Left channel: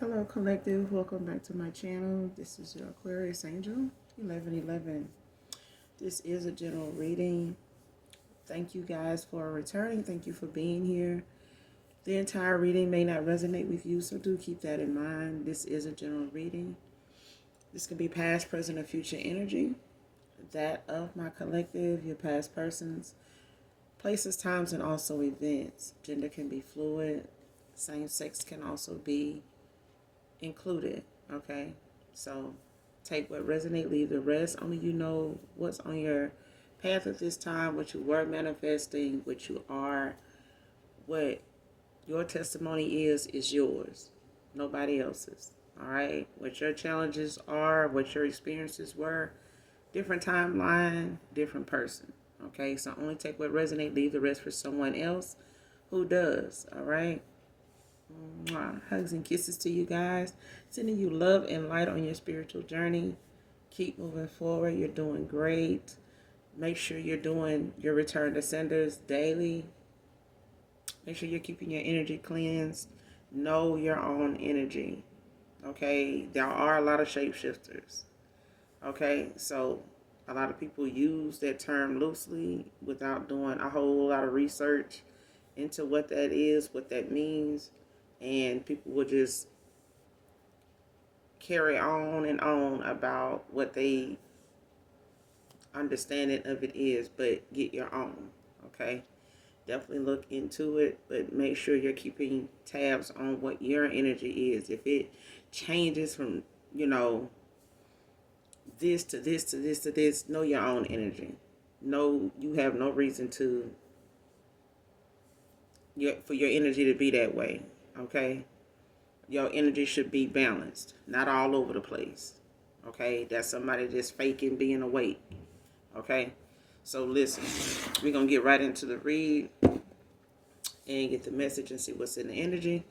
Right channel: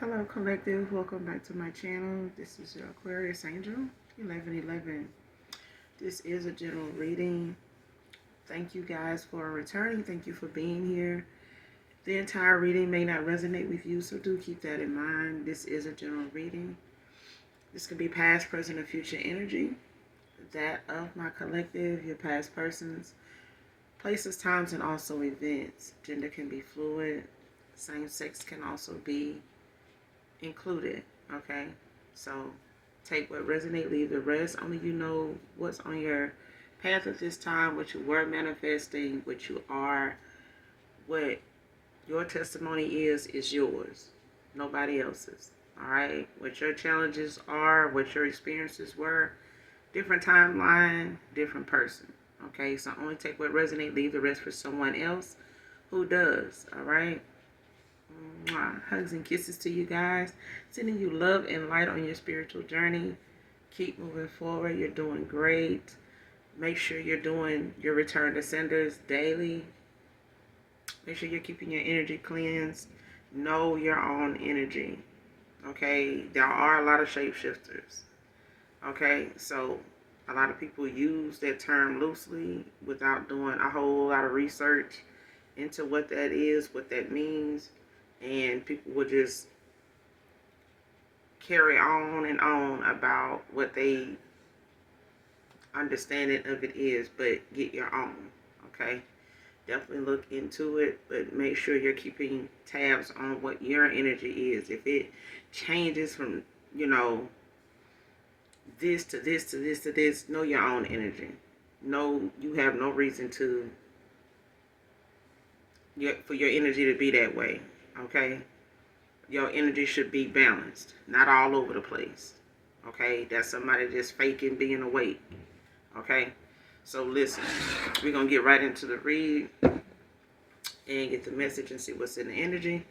Hello, collective. Welcome back to my channel. This is your Aquarius Angel 1111. This is a general reading. Thank you guys for returning. Thank you for being here. The entire reading may not resonate with you, so do keep that in mind. This is a general reading. This could be past, present, or future energy. That of my collective, your past persons, places, times, and also events. Gender can be fluid. Same sex can also be included. Okay, so take what resonate, leave the rest. Only you know what's on your path at this time, what you were manifesting, what you are, what your testimony is yours, nobody else's. All right, what your challenges are, what your experiences were, different timeline, different person. Okay, so only take what resonate, leave the rest for someone else who does. All right. Mwah. Hugs and kisses to you guys. Sending you love and light on your spiritual journey. Keep moving forward. You're doing great. Make sure you're doing your return to senders daily. Make sure you're keeping your energy cleansed. Know your own energy. Okay? There are a lot of shapeshifters. Okay? So a lot of people use that term loosely without doing a whole lot of research into what that is, what that means. And people will just carry on and on about what they understanding of it is, but get your own. Okay, definitely look into it, but make sure you're keeping tabs on what your energy is. If it changes from this to this to this to this, know your own energy. No, you have no reason to for your energy to be that way. Okay, your energy should be balanced, not all over the place. Okay, that's somebody just faking being awake. Okay, so listen, we're gonna get right into the read and get the message and see what's in the energy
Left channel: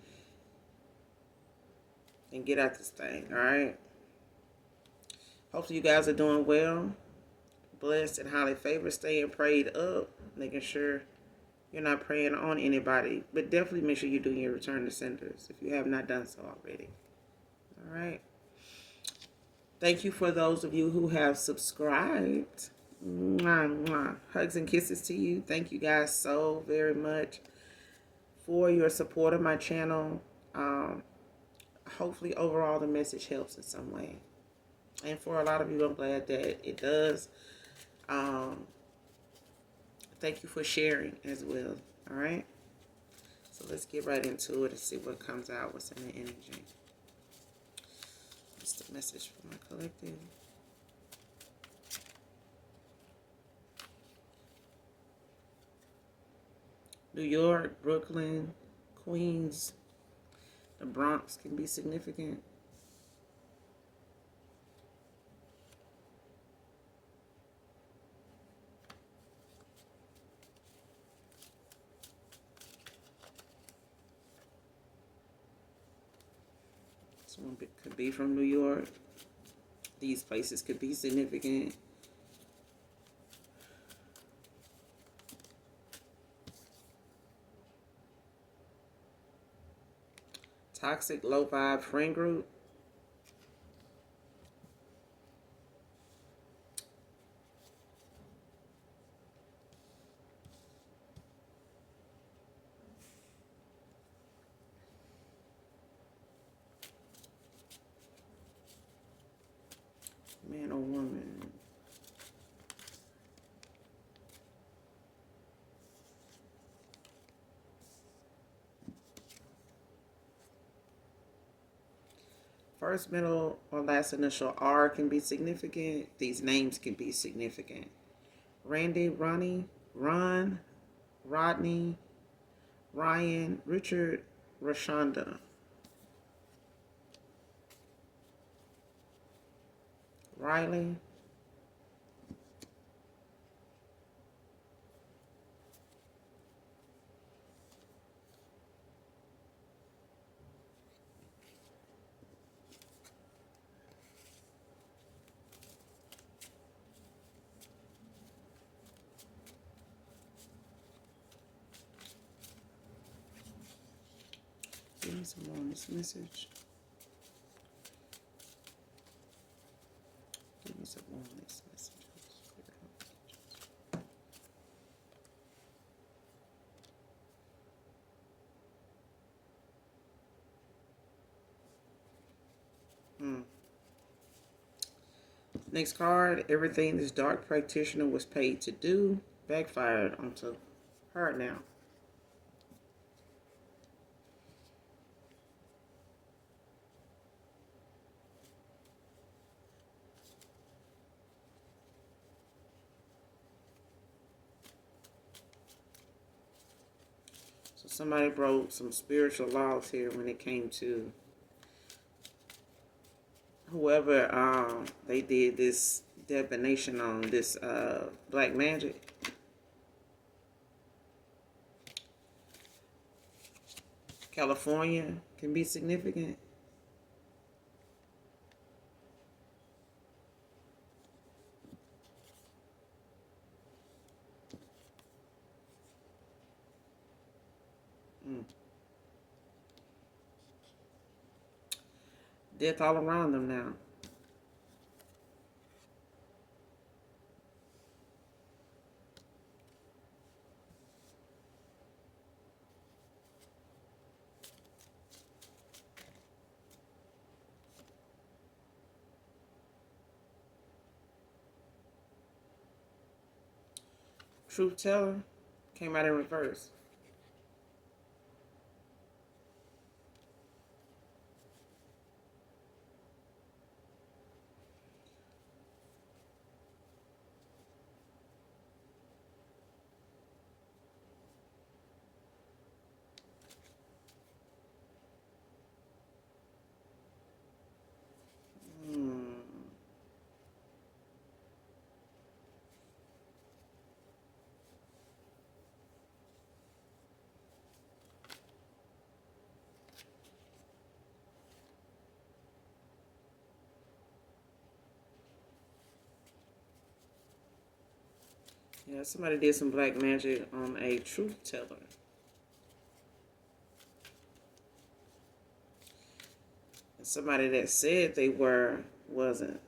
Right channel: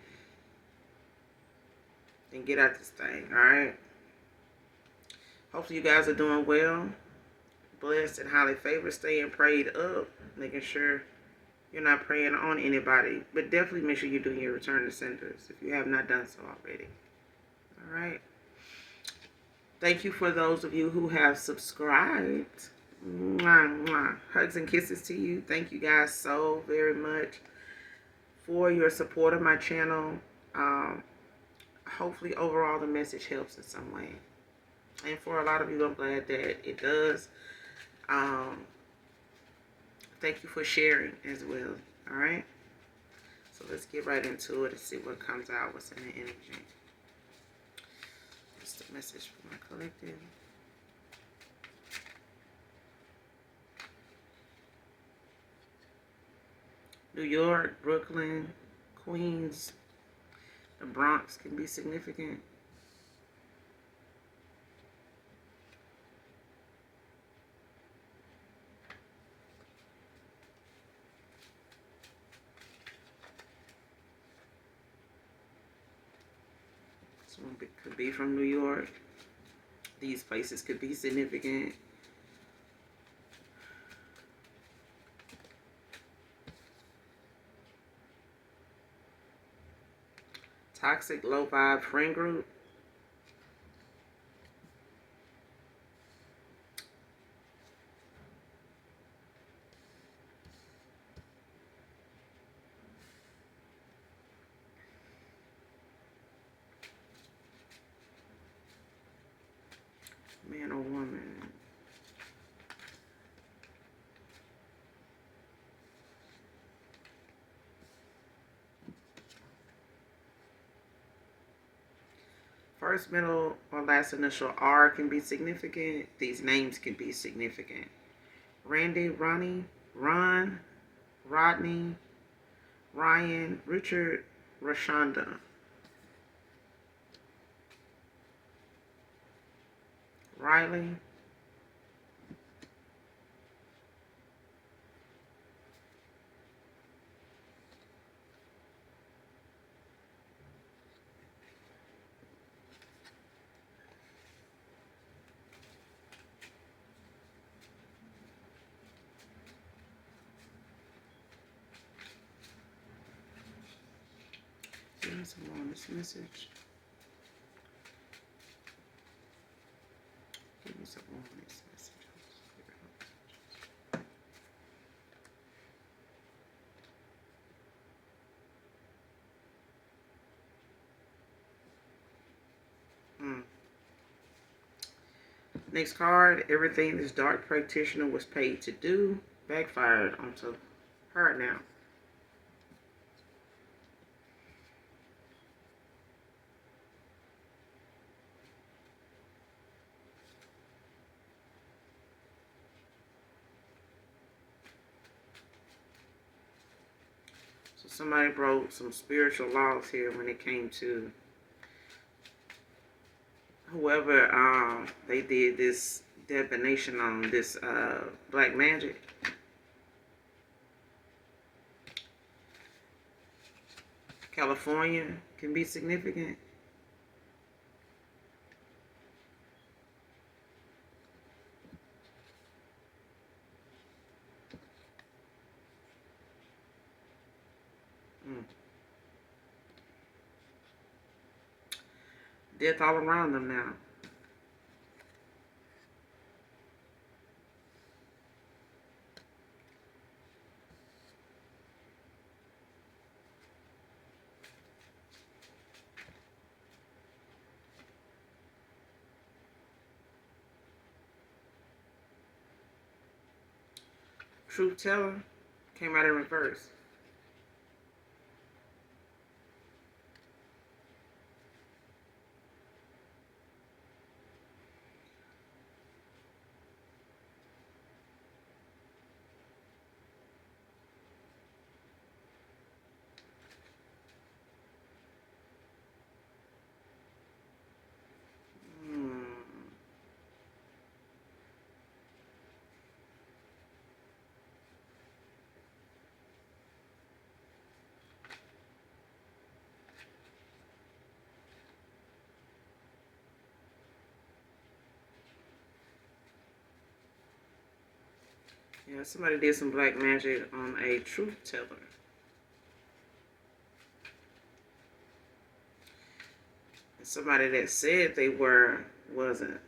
and get out this thing. All right, hopefully you guys are doing well, blessed and highly favored, staying prayed up, making sure you're not praying on anybody, but definitely make sure you're doing your return to senders if you have not done so already. All right. Thank you for those of you who have subscribed. Mwah, mwah. Hugs and kisses to you. Thank you guys so very much for your support of my channel. Hopefully, overall, the message helps in some way. And for a lot of you, I'm glad that it does. Thank you for sharing as well. All right. So let's get right into it and see what comes out, what's in the energy. What's the message for my collective? New York, Brooklyn, Queens, the Bronx can be significant. Someone could be from New York. These places could be significant. Toxic, low vibe friend group. Man or woman. First, middle, or last initial R can be significant. These names can be significant. Randy, Ronnie, Ron, Rodney, Ryan, Richard, Rashonda. Riley. Here's some more on this message. Next card, everything this dark practitioner was paid to do backfired onto her now. So somebody broke some spiritual laws here when it came to whoever they did this divination on, this black magic. California can be significant. Death all around them now. Truth teller came out in reverse. Yeah, somebody did some black magic on a truth teller. And somebody that said they were wasn't.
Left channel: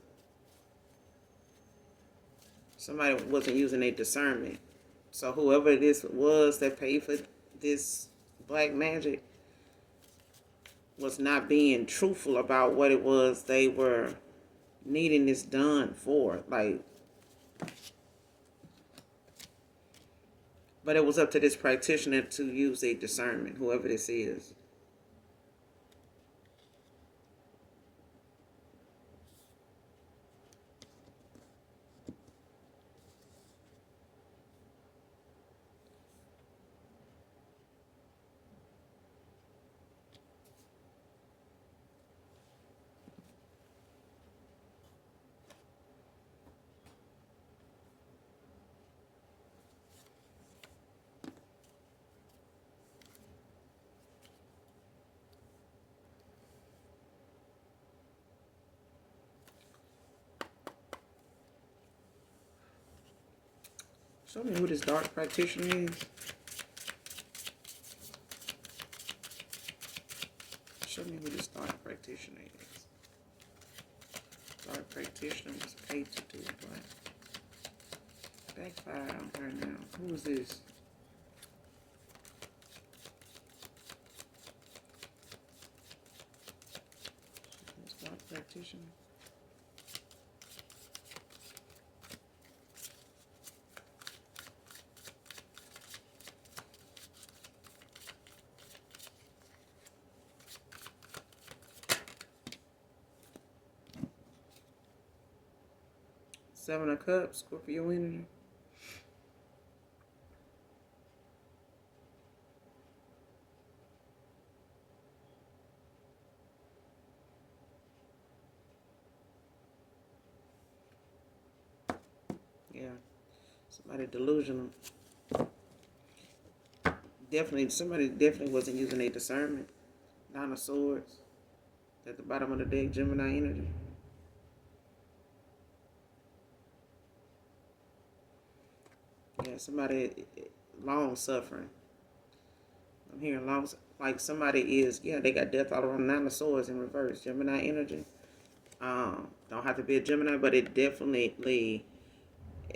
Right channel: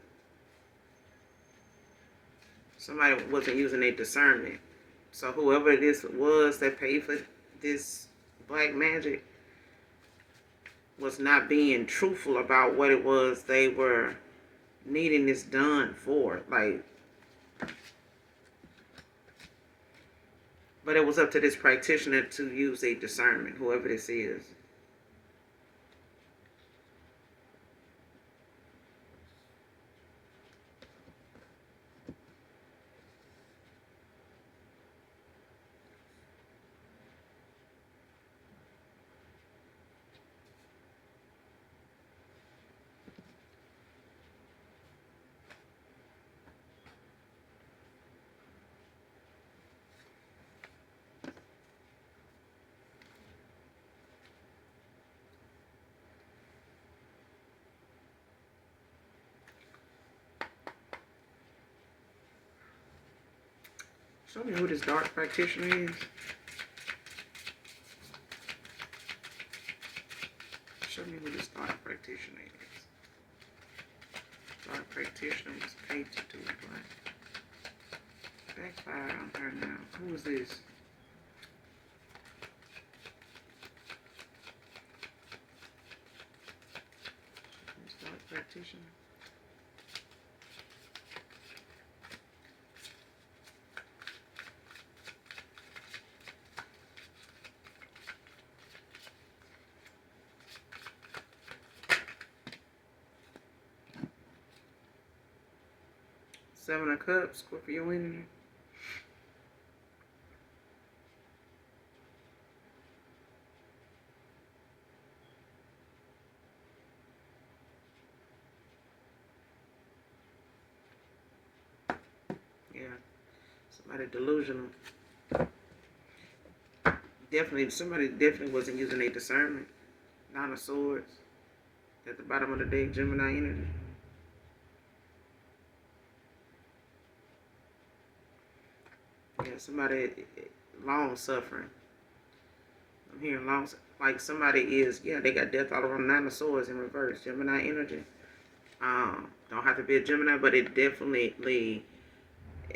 Somebody wasn't using their discernment. So whoever this was that paid for this black magic was not being truthful about what it was they were needing this done for. Like, but it was up to this practitioner to use a discernment, whoever this is. Show me who this dark practitioner is. Show me who this dark practitioner is. Dark practitioner was paid to do it, but backfire on her now. Who is this? This dark practitioner. Seven of Cups, Scorpio energy. Yeah, somebody delusional. Somebody definitely wasn't using their discernment. Nine of Swords at the bottom of the deck, Gemini energy. Yeah, somebody long suffering. I'm hearing long, like somebody is, yeah, they got death all around. Nine of Swords in reverse, Gemini energy. Don't have to be a Gemini, but it definitely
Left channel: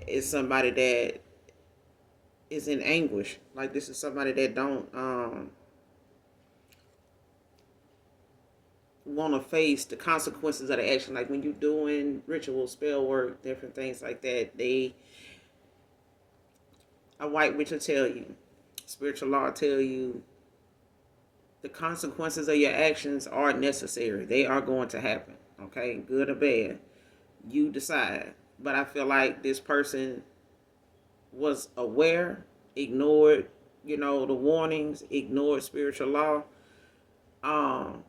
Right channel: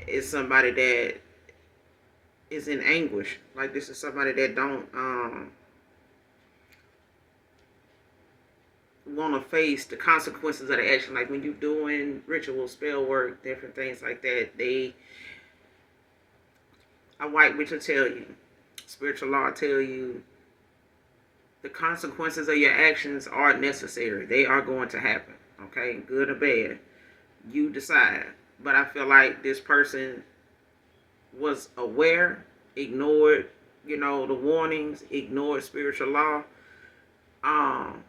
is somebody that is in anguish. Like this is somebody that don't want to face the consequences of the action. Like when you're doing ritual, spell work, different things like that, a white witch will tell you, spiritual law will tell you, the consequences of your actions are necessary. They are going to happen. Okay, good or bad, you decide. But I feel like this person was aware, ignored, the warnings, ignored spiritual law. Um,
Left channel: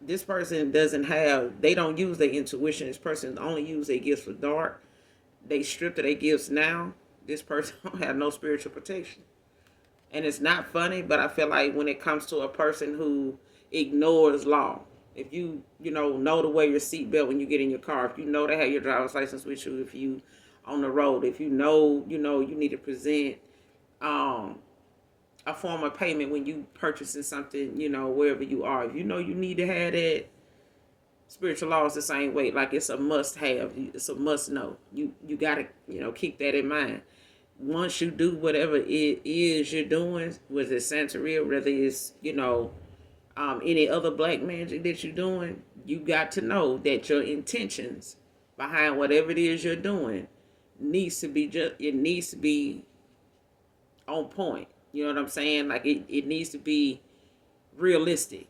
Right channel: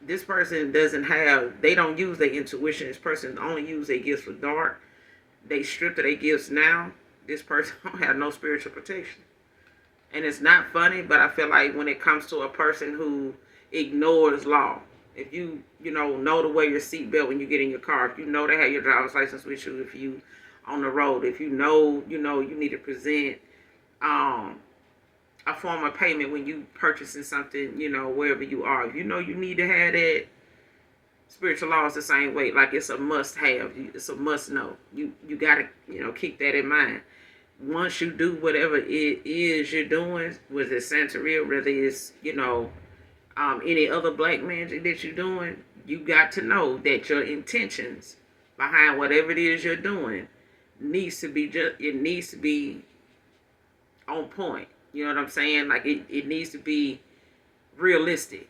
this person they don't use their intuition. This person only use their gifts for dark. They stripped of their gifts now. This person don't have no spiritual protection. And it's not funny, but I feel like when it comes to a person who ignores law, if you know to wear your seatbelt when you get in your car, if you know to have your driver's license with you, if you on the road, if you need to present um, a form of payment when you purchasing something, wherever you are, if you know you need to have that, spiritual law is the same way. Like it's a must have, it's a must know. You gotta keep that in mind. Once you do whatever it is you're doing, whether it's Santeria, whether it's any other black magic that you're doing, you got to know that your intentions behind whatever it is you're doing needs to be on point. You know what I'm saying? Like it needs to be realistic.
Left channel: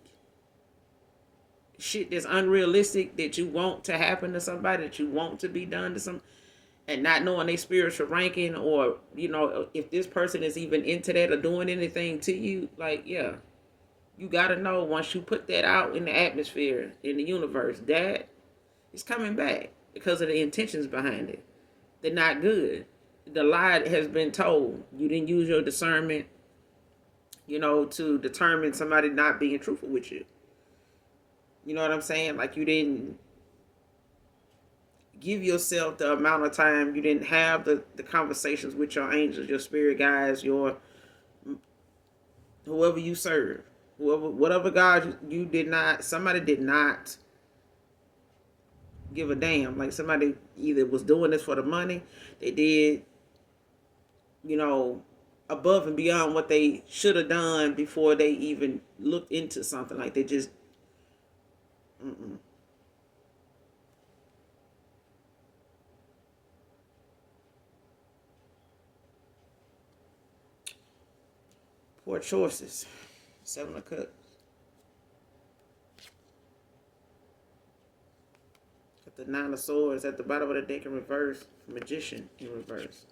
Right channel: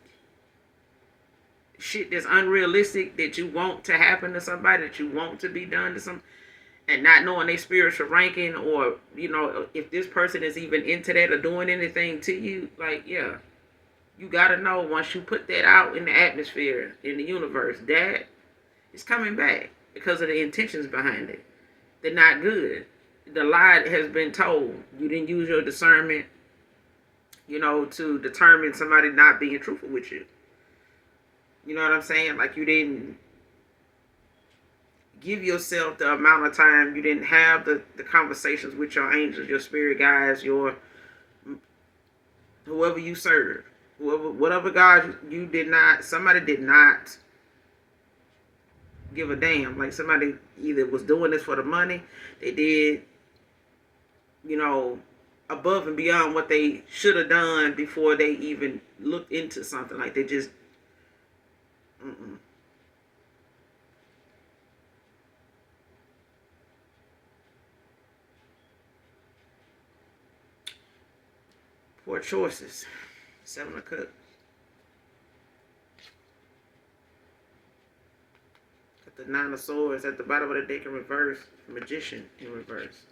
Shit that's unrealistic that you want to happen to somebody, that you want to be done to some, and not knowing their spiritual ranking, or if this person is even into that or doing anything to you, like, yeah, you gotta know, once you put that out in the atmosphere, in the universe, that is coming back because of the intentions behind it. They're not good. The lie has been told. You didn't use your discernment, to determine somebody not being truthful with you. You know what I'm saying? Like, you didn't give yourself the amount of time. You didn't have the conversations with your angels, your spirit guides, your whoever you serve, whatever God you did not. Somebody did not give a damn. Like, somebody either was doing this for the money. They did, above and beyond what they should have done before they even looked into something. Like, they just poor choices. 7 of Cups. Got the 9 of Swords at the bottom of the deck in reverse. Magician in reverse.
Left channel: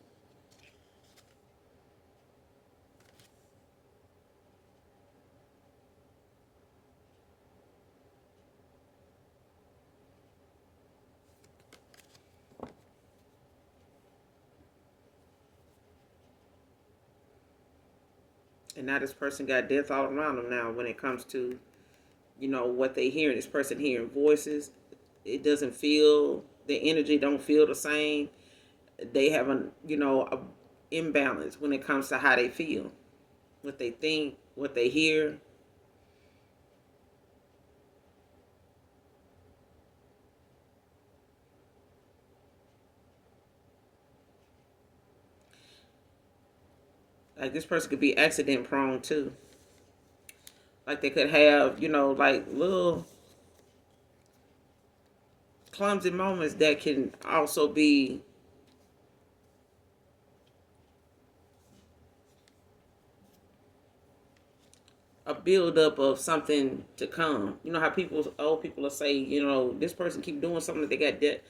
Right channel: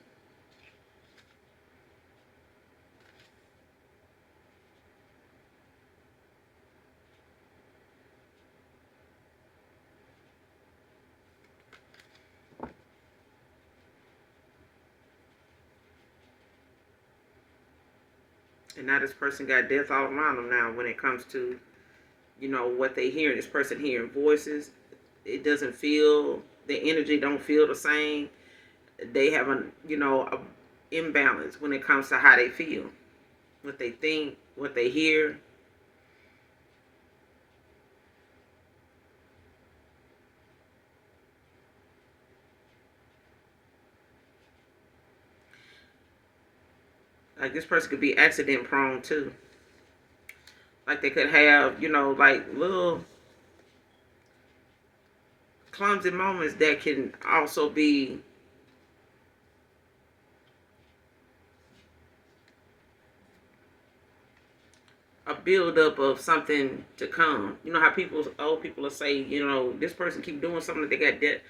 And now this person got death all around them now when it comes to, what they hear. This person hearing voices. It doesn't feel, the energy don't feel the same. They have a imbalance when it comes to how they feel, what they think, what they hear. Like, this person could be accident prone too. Like, they could have, like little clumsy moments that can also be a buildup of something to come. You know how old people will say, this person keep doing something that they got debt.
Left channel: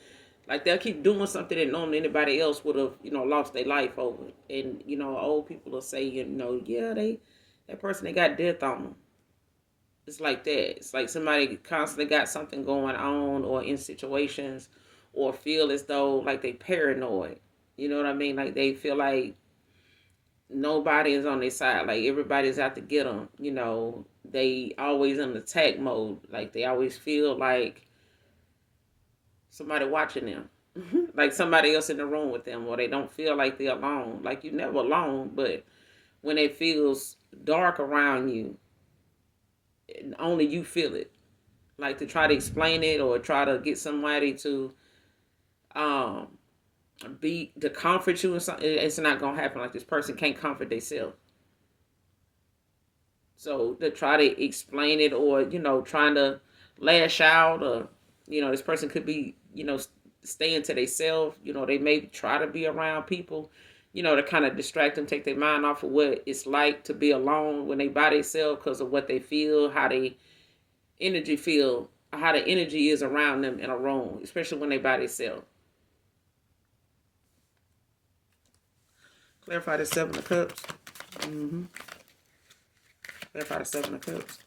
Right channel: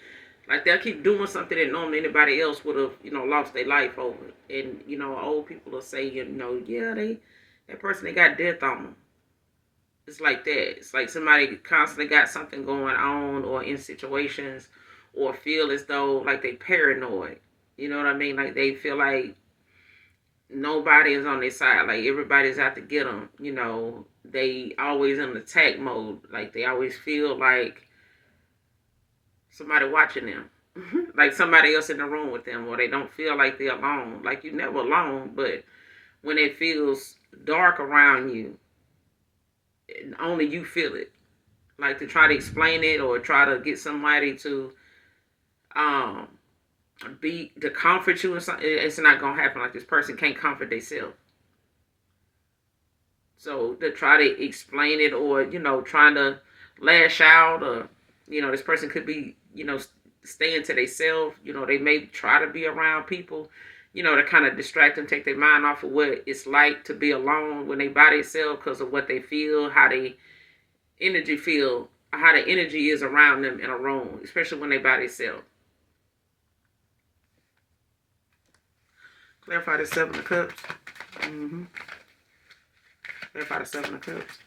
Like, they'll keep doing something that normally anybody else would have, lost their life over. And, old people will say, yeah, that person, they got death on them. It's like that. It's like somebody constantly got something going on, or in situations, or feel as though like they paranoid. You know what I mean? Like, they feel like nobody is on their side. Like, everybody's out to get them. They always in attack mode. Like, they always feel like somebody watching them. Like somebody else in the room with them, or they don't feel like they're alone. Like, you're never alone, but when it feels dark around you, only you feel it. Like, to try to explain it or try to get somebody to to comfort you and something, it's not gonna happen. Like, this person can't comfort themselves. So to try to explain it, or trying to lash out, or this person could be staying to themselves. They may try to be around people, to kind of distract them, take their mind off of what it's like to be alone when they by themselves, because of what they feel, how they energy feel, how the energy is around them in a room, especially when they by themselves. Clarify the Seven of Cups. Clarify the Seven of Cups.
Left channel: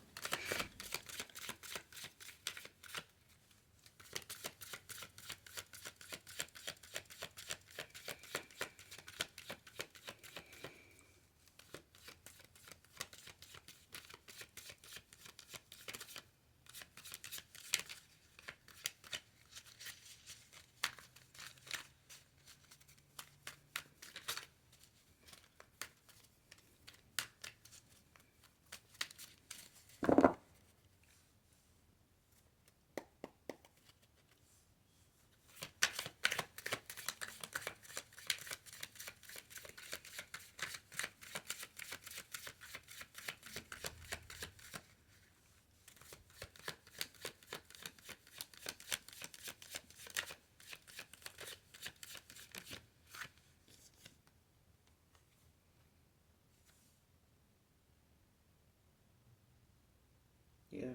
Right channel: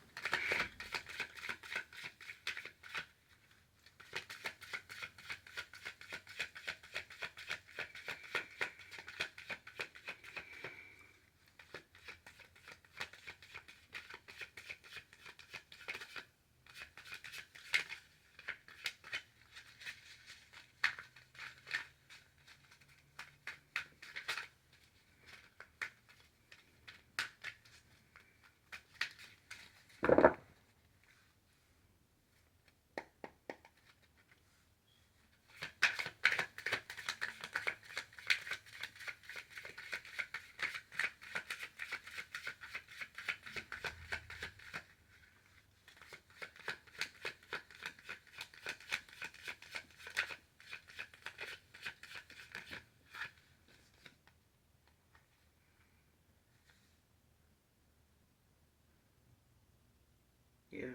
Yeah.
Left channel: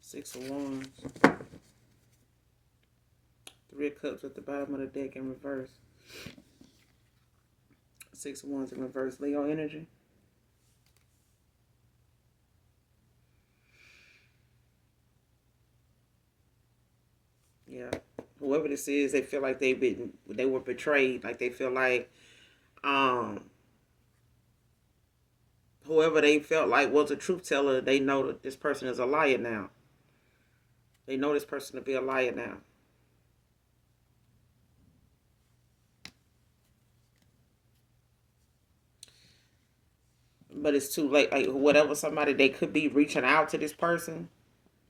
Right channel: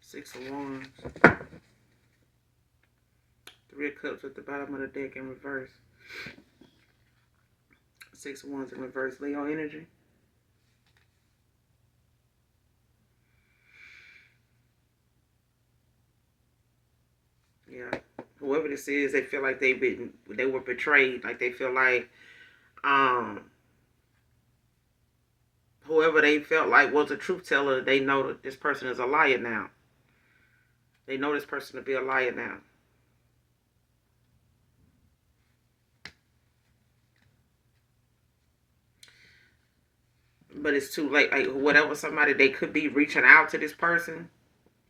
Six of Wands. Three of Cups at the bottom of the deck in reverse. Six of Wands in reverse. Leo energy. Yeah. Whoever this is, they feel like they were betrayed. Like they feel like whoever they felt like was a truth teller, they know that this person is a liar now. They know this person to be a liar now. But it's too late. Like whatever, somebody, they could be reaching out to this person,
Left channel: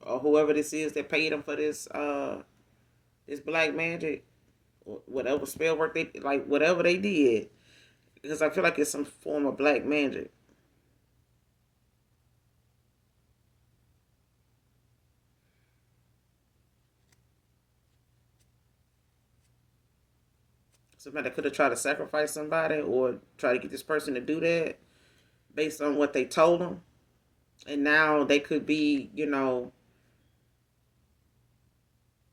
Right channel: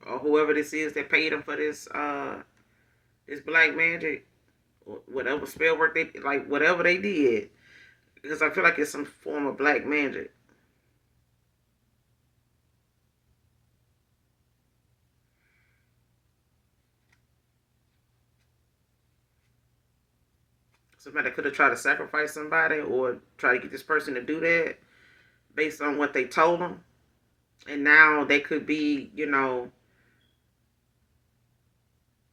or whoever this is that paid them for this this black magic, or whatever spell work they, like whatever they did, because I feel like it's some form of black magic. Somebody could have tried to sacrifice somebody, or try to get this person to do that based on what they told them, and now they could be,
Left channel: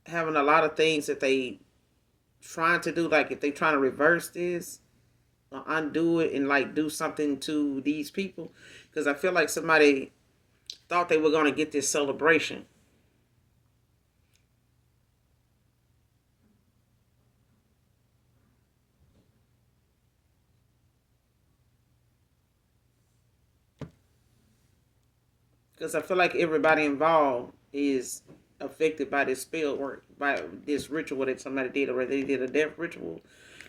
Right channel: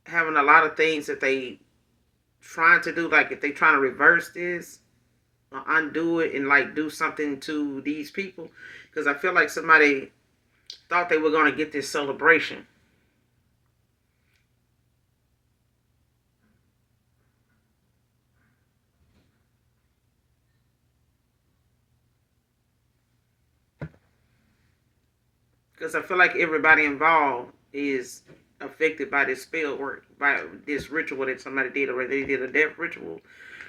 having a lot of things that they trying to do. Like if they trying to reverse this or undo it and like do something to these people, because I feel like somebody thought they were going to get this celebration. Because I feel like everybody involved is affected by this spell work, by this ritual that somebody did, or they did a death ritual,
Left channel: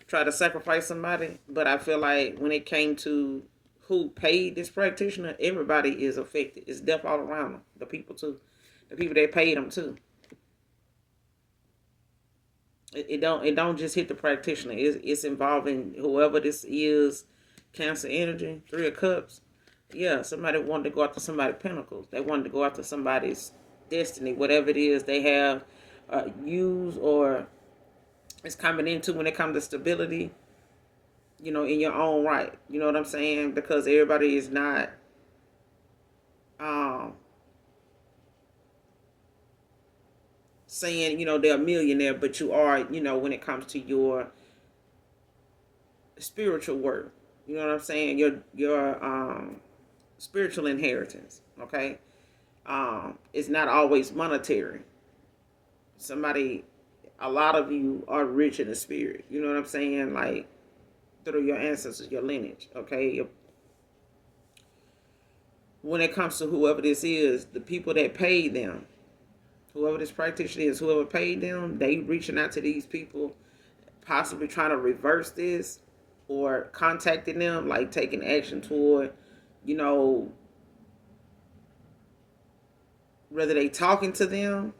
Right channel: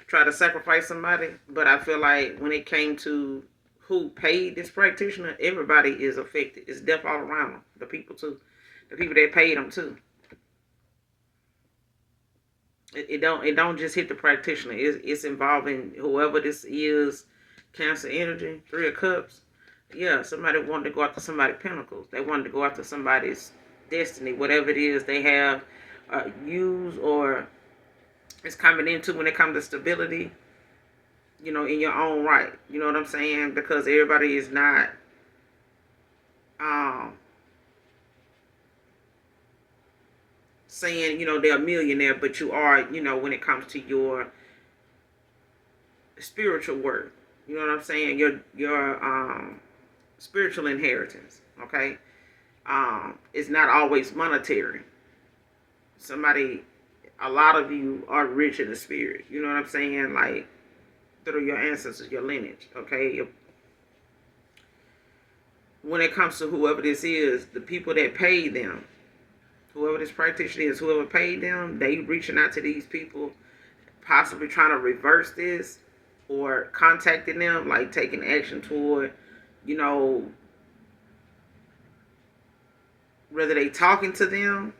try to sacrifice somebody. But I feel like when it came to who paid this practitioner, everybody is affected. It's death all around them. The people too, the people that paid them too. It don't just hit the practitioner. It's involving whoever this is. Cancer energy, Three of Cups. Yeah, somebody wanted to go after somebody's pinnacles. They wanted to go after somebody's destiny, whatever it is they have used or is coming into when it comes to stability. In your own right. You know what I'm saying? Because everybody is not um, saying they're a millionaire, but you are. When it comes to your spiritual work. You know what I'm saying? Your spiritual inheritance. Okay, it's not always monetary. Somebody, a lot of you are rich in the spirit. You know what I'm saying? Like through your ancestors, your lineage. Okay, when it comes to whoever this is, the people that pay them, whoever this practitioner is, whoever paid them, they reaching out to these people, possibly trying to reverse this, or contacting them, like taking action toward, you know, whether they talking to them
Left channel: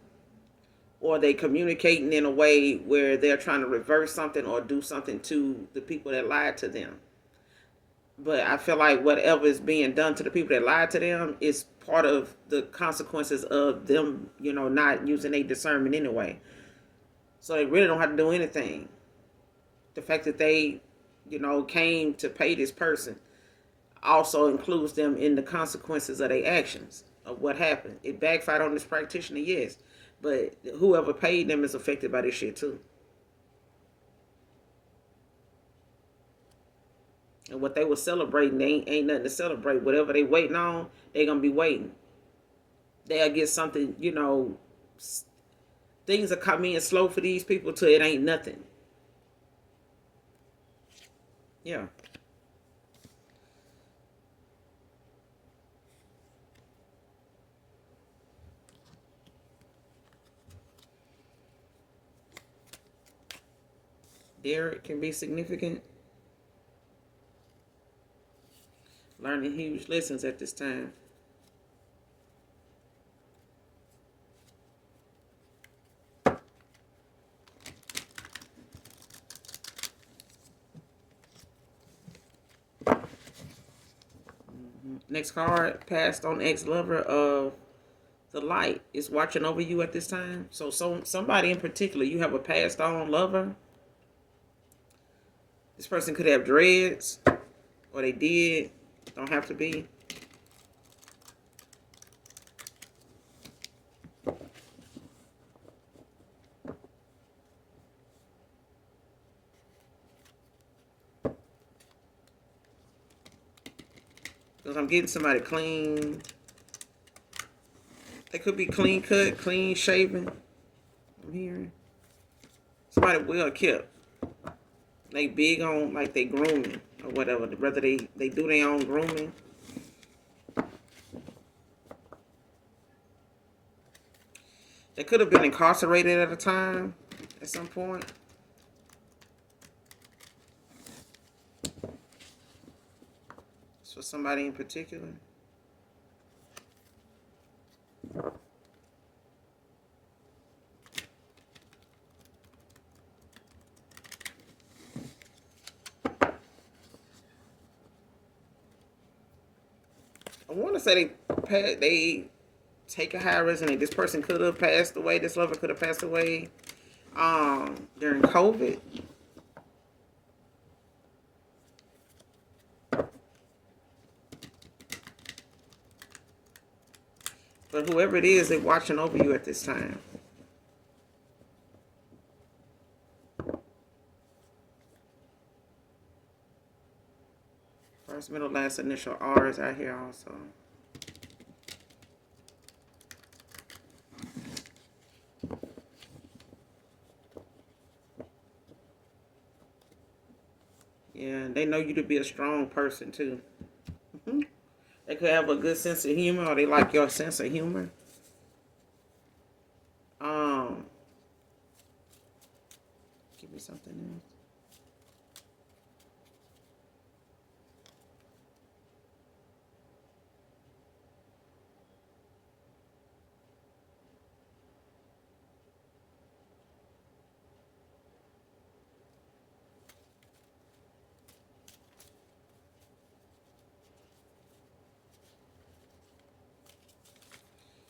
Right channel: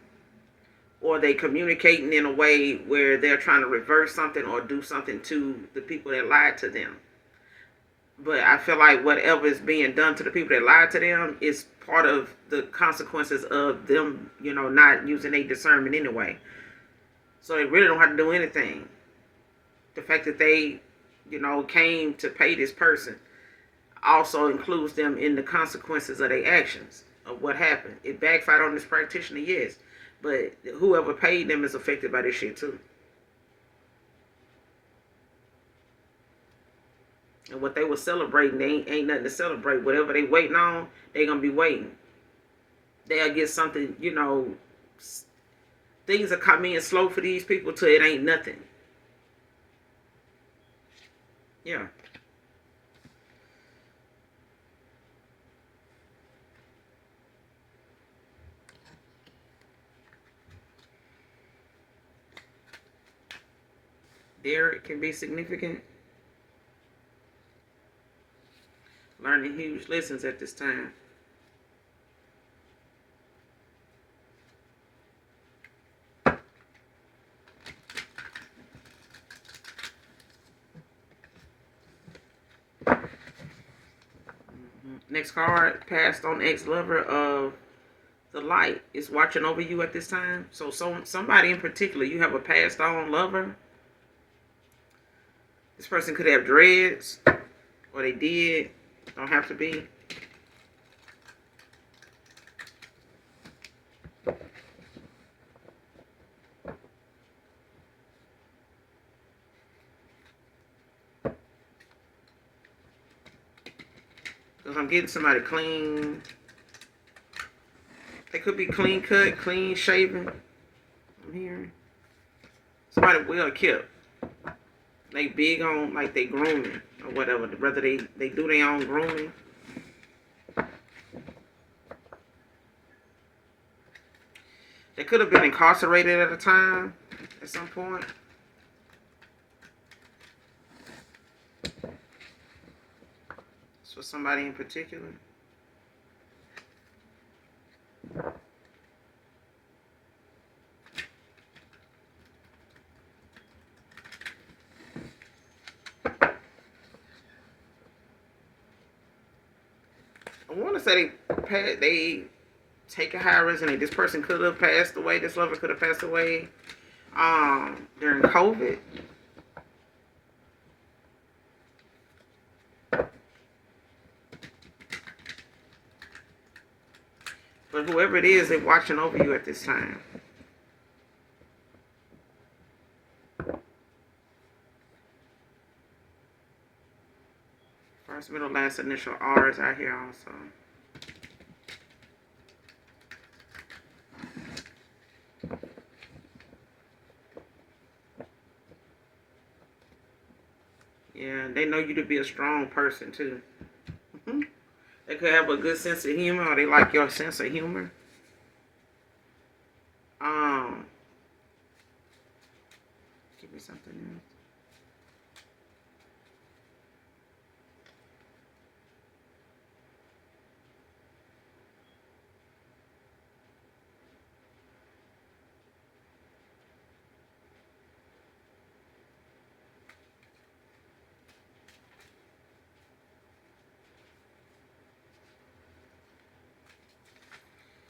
or they communicating in a way where they're trying to reverse something or do something to the people that lied to them. But I feel like whatever is being done to the people that lied to them is part of the consequences of them, not using their discernment anyway. So they really don't have to do anything. The fact that they, came to pay this person also includes them in the consequences of their actions, of what happened. It backfired on this practitioner, yes. But whoever paid them is affected by this shit too. And what they were celebrating, they ain't nothing to celebrate. Whatever they waiting on, they gonna be waiting. They'll get something, things are coming in slow for these people till it ain't nothing. Yeah. There it can be significant. Learning huge lessons at this time. Next card, passed on ex-lover of the light is watching over you at this time. So somebody in particular, you have a passed on lover. This person could have dreads, or they did. Don't have to be. Because I'm getting somebody clean. They could be clean cut, clean shaven. I'm hearing. Somebody well kept. They big on, like, they grooming or whatever. Whether they do their own grooming. They could have been incarcerated at a time, at some point. So somebody in particular. I want to say they take a high risk, and this person could have passed away. This lover could have passed away during COVID. But whoever it is, they're watching over you at this time. First, middle, last initial R is out here also. Yeah, they know you to be a strong person too. They could have a good sense of humor, or they like your sense of humor. Give me something else.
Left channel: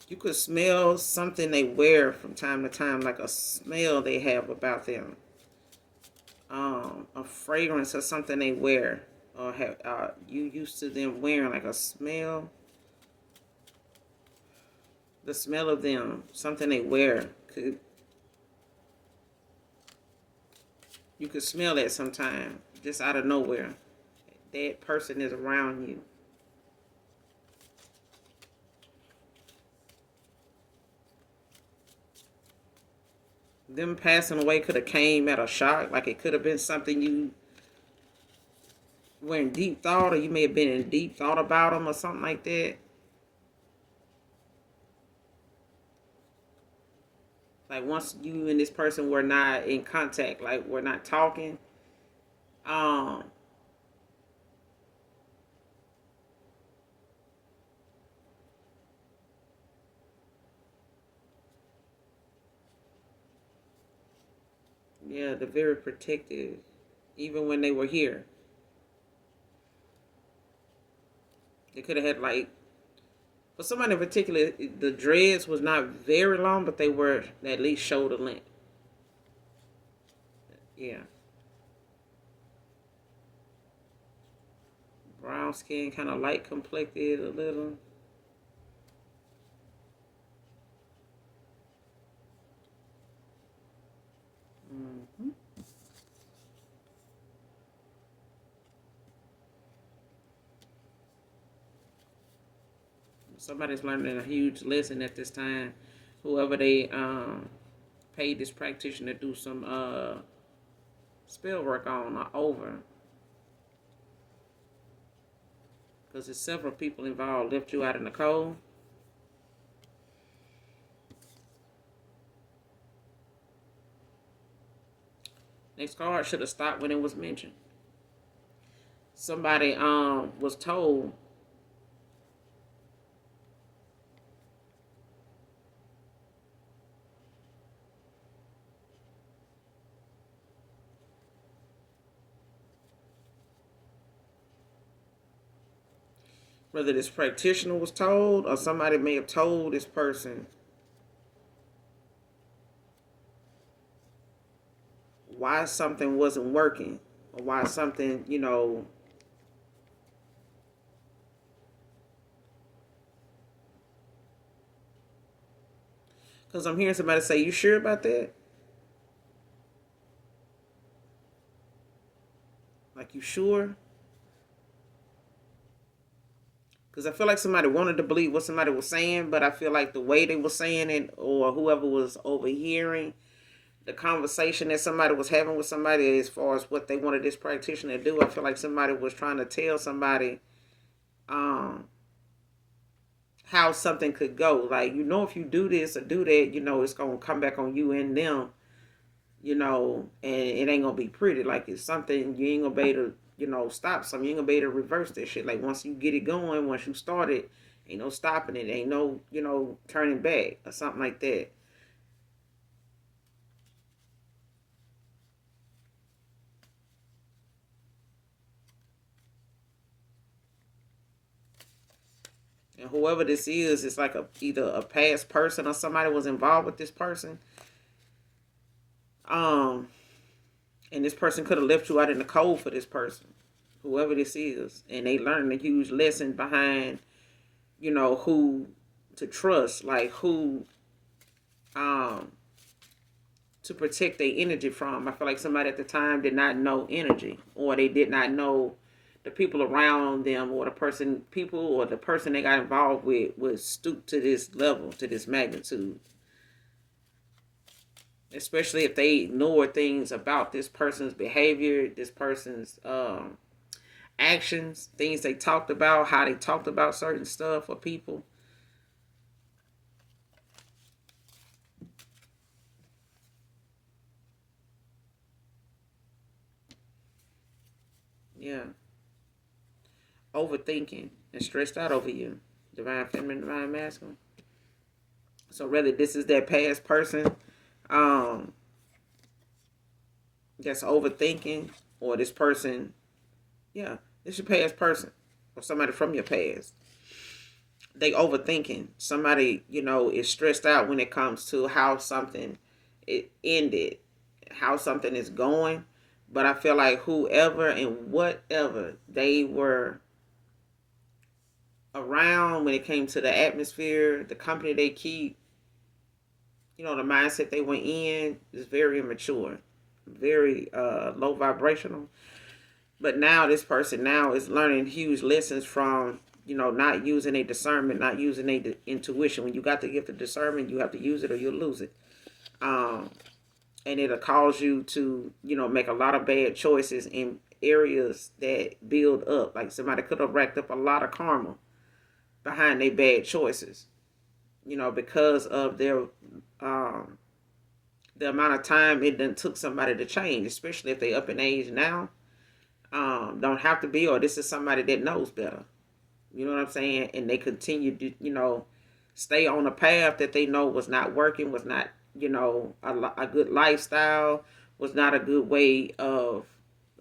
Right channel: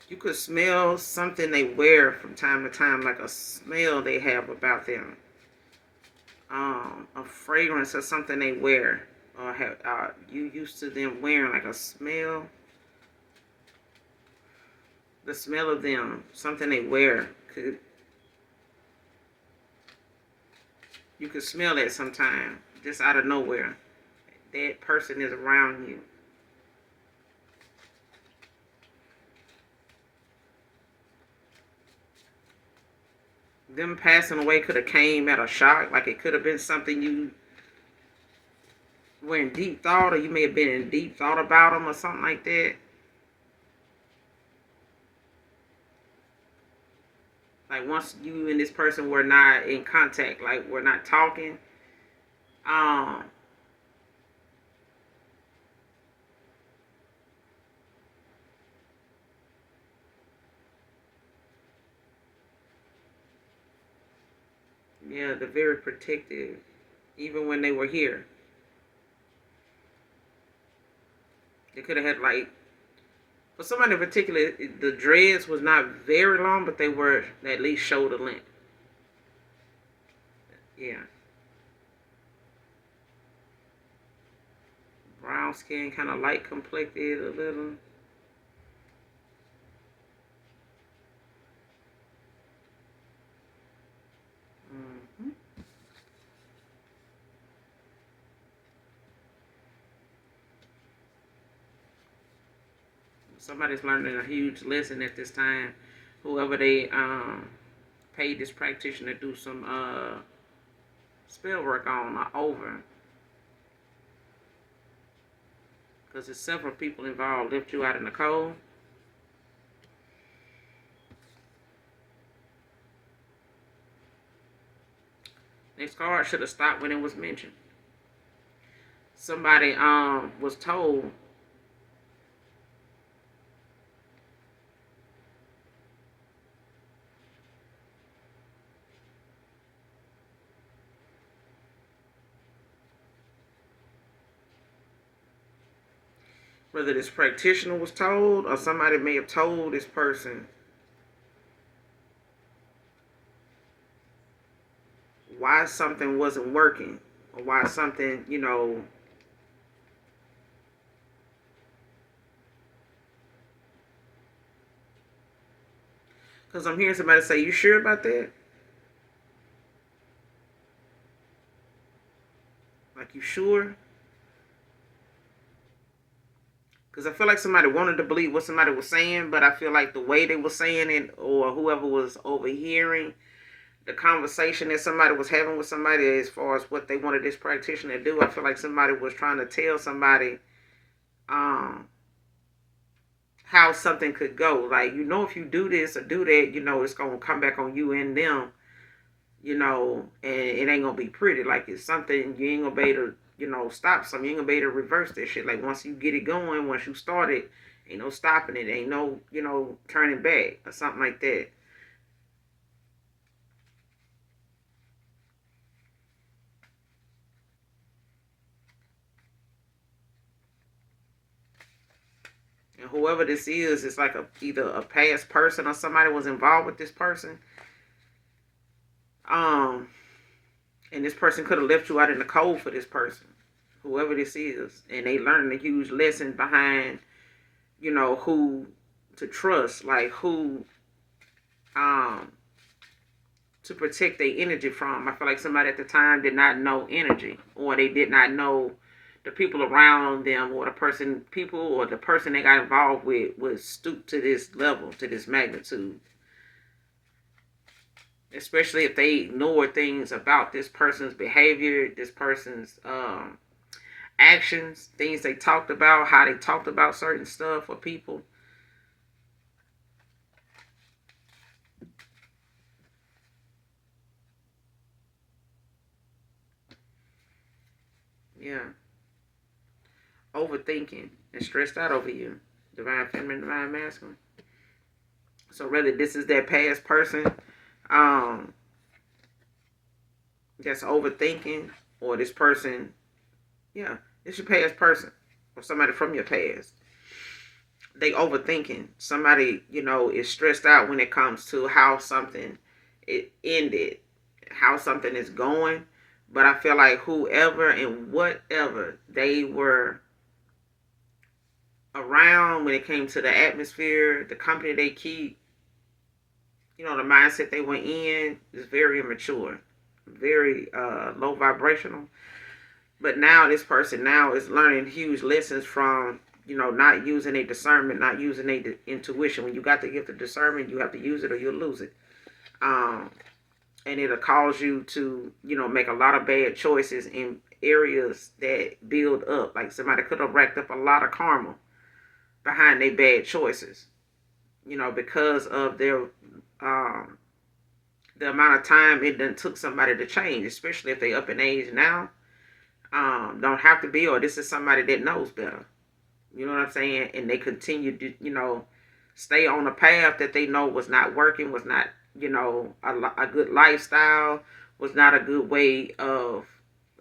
You could smell something they wear from time to time, like a smell they have about them. A fragrance or something they wear, or have you used to them wearing, like a smell. The smell of them, something they wear, you could smell that sometime, just out of nowhere. That person is around you. Them passing away could have came at a shock, like it could have been something you were in deep thought, or you may have been in deep thought about them or something like that. Like once you and this person were not in contact, like we're not talking, yeah, they're very protective, even when they were here. They could have had like, for somebody in particular, the dreads was not very long, but they were at least shoulder length. Yeah. Brown skin, kind of light complected a little. Mm-hmm. Somebody's learning a huge lesson at this time. Whoever they paid this practitioner to do some spell work on or over, because there's several people involved. Left you out in the cold. Next card should have stopped when it was mentioned. Somebody was told whether this practitioner was told or somebody may have told this person why something wasn't working or why something, because I'm hearing somebody say, "You sure about that?" Like, you sure? Because I feel like somebody wanted to believe what somebody was saying, but I feel like the way they were saying it, or whoever was overhearing the conversation that somebody was having with somebody as far as what they wanted this practitioner to do, I feel like somebody was trying to tell somebody um, how something could go. Like, if you do this or do that, it's going to come back on you and them, and it ain't going to be pretty. Like, it's something you ain't going to be able to, stop something. You ain't going to be able to reverse that shit. Like, once you get it going, once you start it, ain't no stopping it. Ain't no, turning back or something like that. And whoever this is, it's like either a past person or somebody was involved with this person. Um, and this person could have left you out in the cold for this person, whoever this is, and they learned a huge lesson behind, who to trust, like who, um, to protect their energy from. I feel like somebody at the time did not know energy, or they did not know the people around them, or the person they got involved with was stooped to this level, to this magnitude. Especially if they ignore things about this person's behavior, this person's actions, things they talked about, how they talked about certain stuff or people. Yeah. Overthinking and stressed out over you. Divine feminine, divine masculine. So whether this is that past person um, that's overthinking, or this person, yeah, it's your past person or somebody from your past. They overthinking. Somebody, is stressed out when it comes to how something it ended, how something is going. But I feel like whoever and whatever they were around when it came to the atmosphere, the company they keep, the mindset they went in is very immature, very low vibrational. But now this person now is learning huge lessons from, not using a discernment, not using a intuition. When you got the gift of discernment, you have to use it or you'll lose it. Um, and it'll cause you to, make a lot of bad choices in areas that build up. Like somebody could have racked up a lot of karma behind their bad choices, because of their the amount of time it done took somebody to change, especially if they up in age now. Don't have to be, or this is somebody that knows better. You know what I'm saying? And they continue to, stay on a path that they know was not working, was not, a good lifestyle, was not a good way of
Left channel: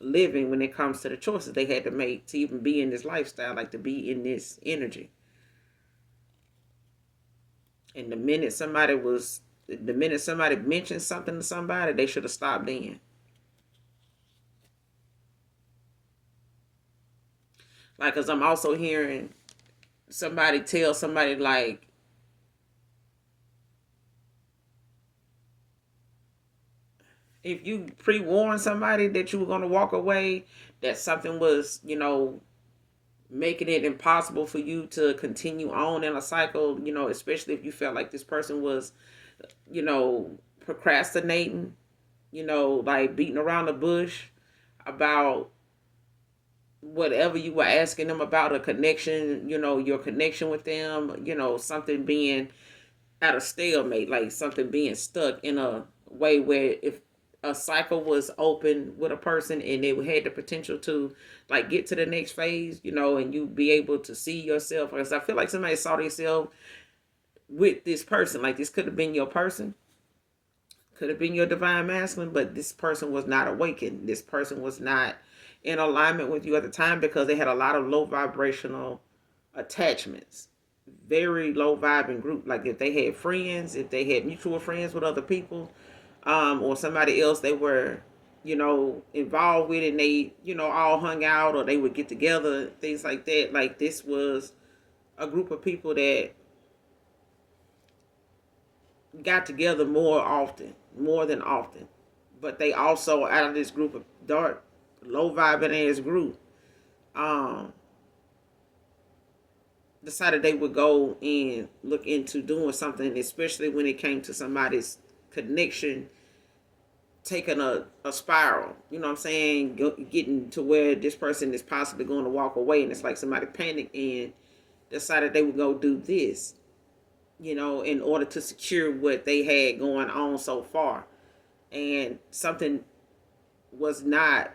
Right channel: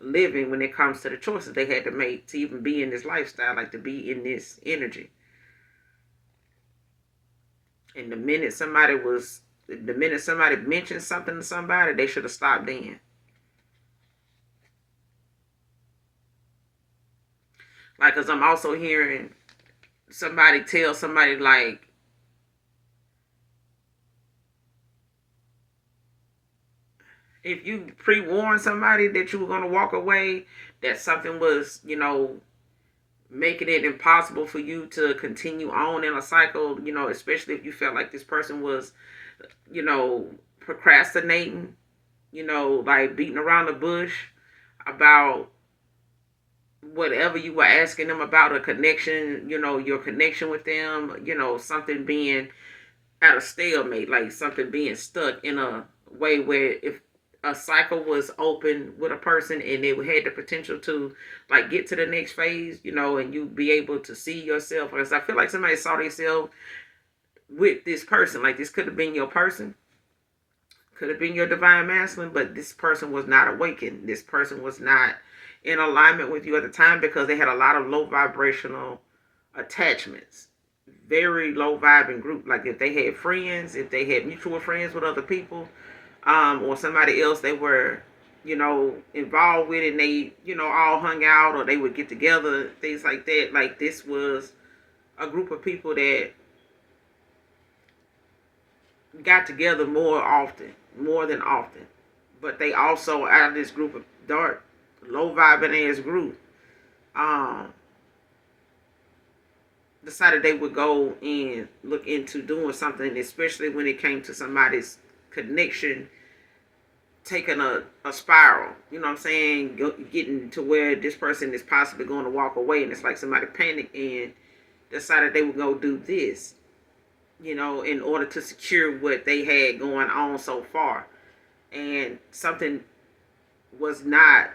living when it comes to the choices they had to make to even be in this lifestyle, like to be in this energy. And the minute somebody mentioned something to somebody, they should have stopped then. Like, cause I'm also hearing somebody tell somebody like, if you pre-warned somebody that you were going to walk away, that something was, making it impossible for you to continue on in a cycle, especially if you felt like this person was, procrastinating, like beating around the bush about whatever you were asking them about, a connection, your connection with them, something being at a stalemate, like something being stuck in a way where if a cycle was open with a person and they had the potential to like get to the next phase, and you be able to see yourself. Because I feel like somebody saw themselves with this person. Like this could have been your person, could have been your divine masculine, but this person was not awakened. This person was not in alignment with you at the time because they had a lot of low vibrational attachments, very low vibing group. Like if they had friends, if they had mutual friends with other people, or somebody else they were, involved with, and they, all hung out or they would get together, things like that. Like this was a group of people that got together more than often. But they also, out of this group of dark, low vibing ass group, decided they would go and look into doing something, especially when it came to somebody's connection taking a spiral, you know what I'm saying, getting to where this person is possibly going to walk away, and it's like somebody panicked and decided they would go do this, in order to secure what they had going on so far. And something was not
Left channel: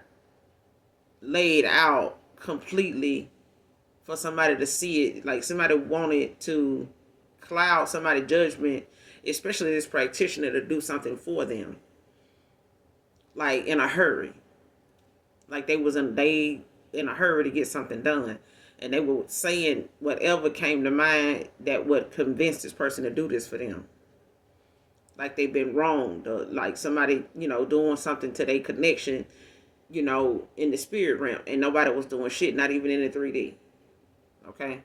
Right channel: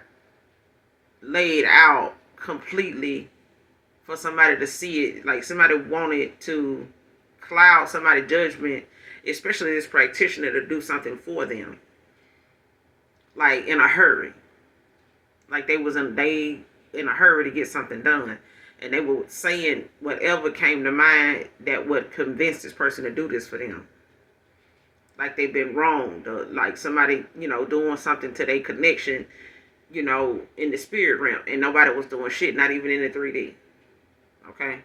laid out completely for somebody to see it. Like somebody wanted to cloud somebody's judgment, especially this practitioner, to do something for them, like in a hurry. Like they in a hurry to get something done, and they were saying whatever came to mind that would convince this person to do this for them. Like they've been wronged, or like somebody, doing something to their connection, in the spirit realm, and nobody was doing shit, not even in the 3D. Okay.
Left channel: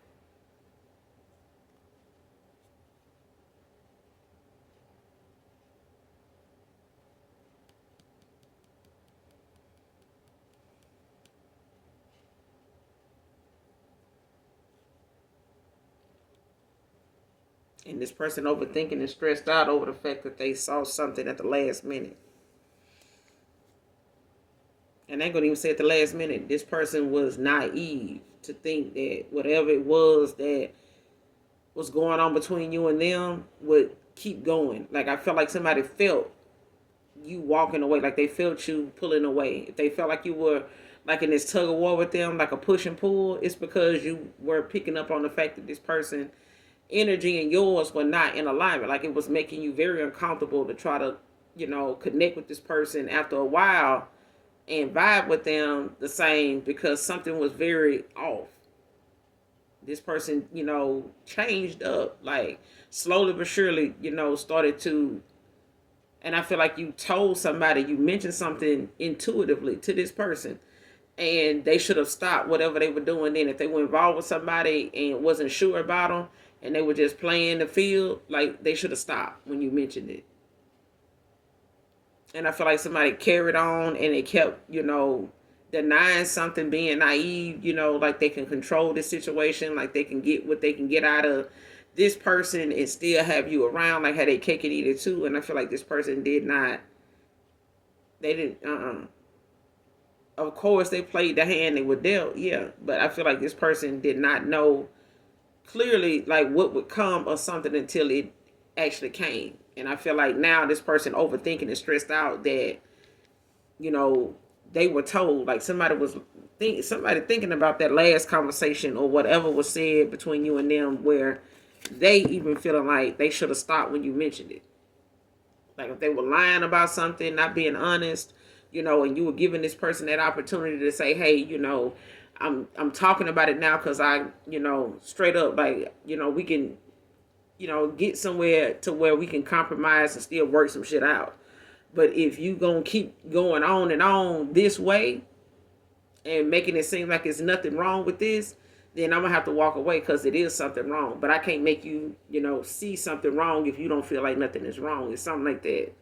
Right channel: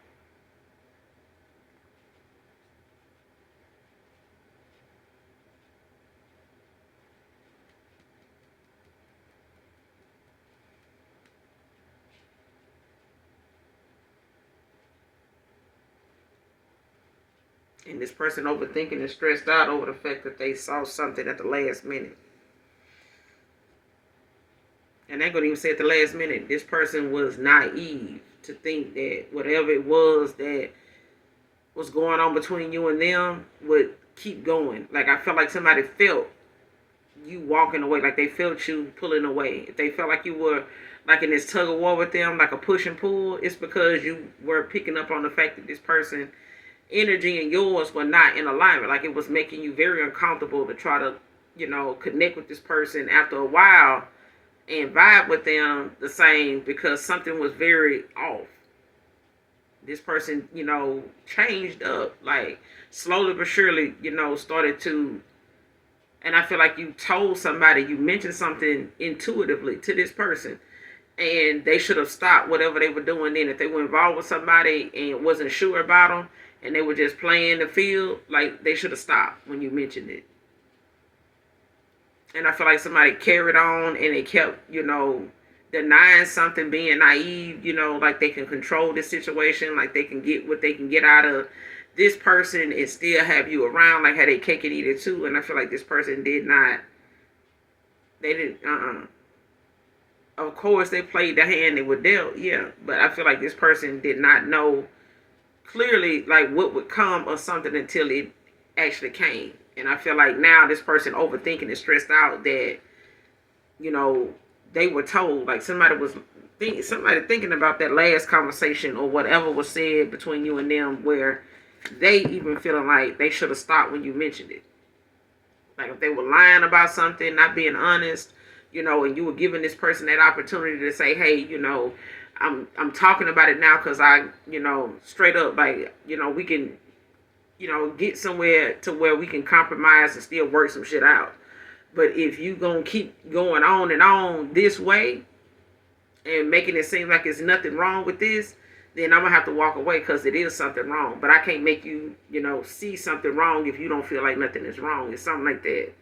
And this person overthinking and stressed out over the fact that they saw something at the last minute. And they're going to even say at the last minute, this person was naive to think that whatever it was that was going on between you and them would keep going. Like I felt like somebody felt you walking away, like they felt you pulling away. If they felt like you were like in this tug of war with them, like a push and pull, it's because you were picking up on the fact that this person energy and yours were not in alignment. Like it was making you very uncomfortable to try to, connect with this person after a while and vibe with them the same, because something was very off. This person, changed up, like slowly but surely, started to, and I feel like you told somebody, you mentioned something intuitively to this person, and they should have stopped whatever they were doing then. If they were involved with somebody and wasn't sure about them, and they were just playing the field, like they should have stopped when you mentioned it. And I feel like somebody carried on and they kept, denying something, being naive, like they can control the situation, like they can get what they can get out of this person and still have you around, like had they cake and eat it too. And I feel like this person did not, they didn't, of course they played the hand they were dealt, yeah, but I feel like this person did not know clearly like what would come or something until it actually came. And I feel like now this person overthinking and stressed out that, they were told, like somebody thinking about that last conversation or whatever was said between you and them, where they even feeling like they should have stopped when you mentioned it. Like if they were lying about something, not being honest, and you were giving this person that opportunity to say, hey, I'm talking about it now because I, straight up, like, we can, get somewhere to where we can compromise and still work some shit out. But if you gonna keep going on and on this way and making it seem like there's nothing wrong with this, then I'm gonna have to walk away because it is something wrong. But I can't make you, see something wrong if you don't feel like nothing is wrong. It's something like that.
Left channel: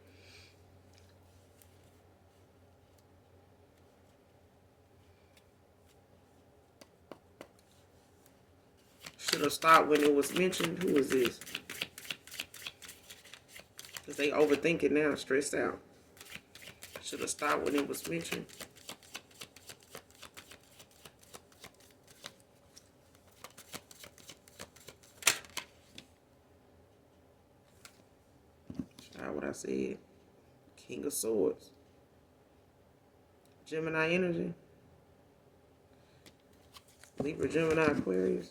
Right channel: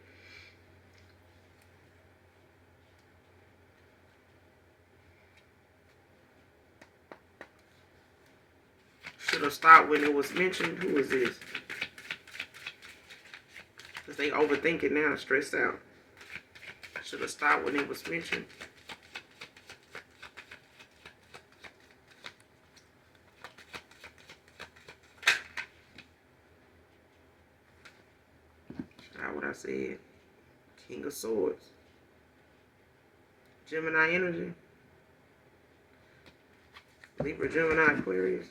Should have stopped when it was mentioned. Who is this? Because they overthinking now, stressed out. Should have stopped when it was mentioned. Try what I said. King of Swords. Gemini energy. Libra, Gemini, Aquarius.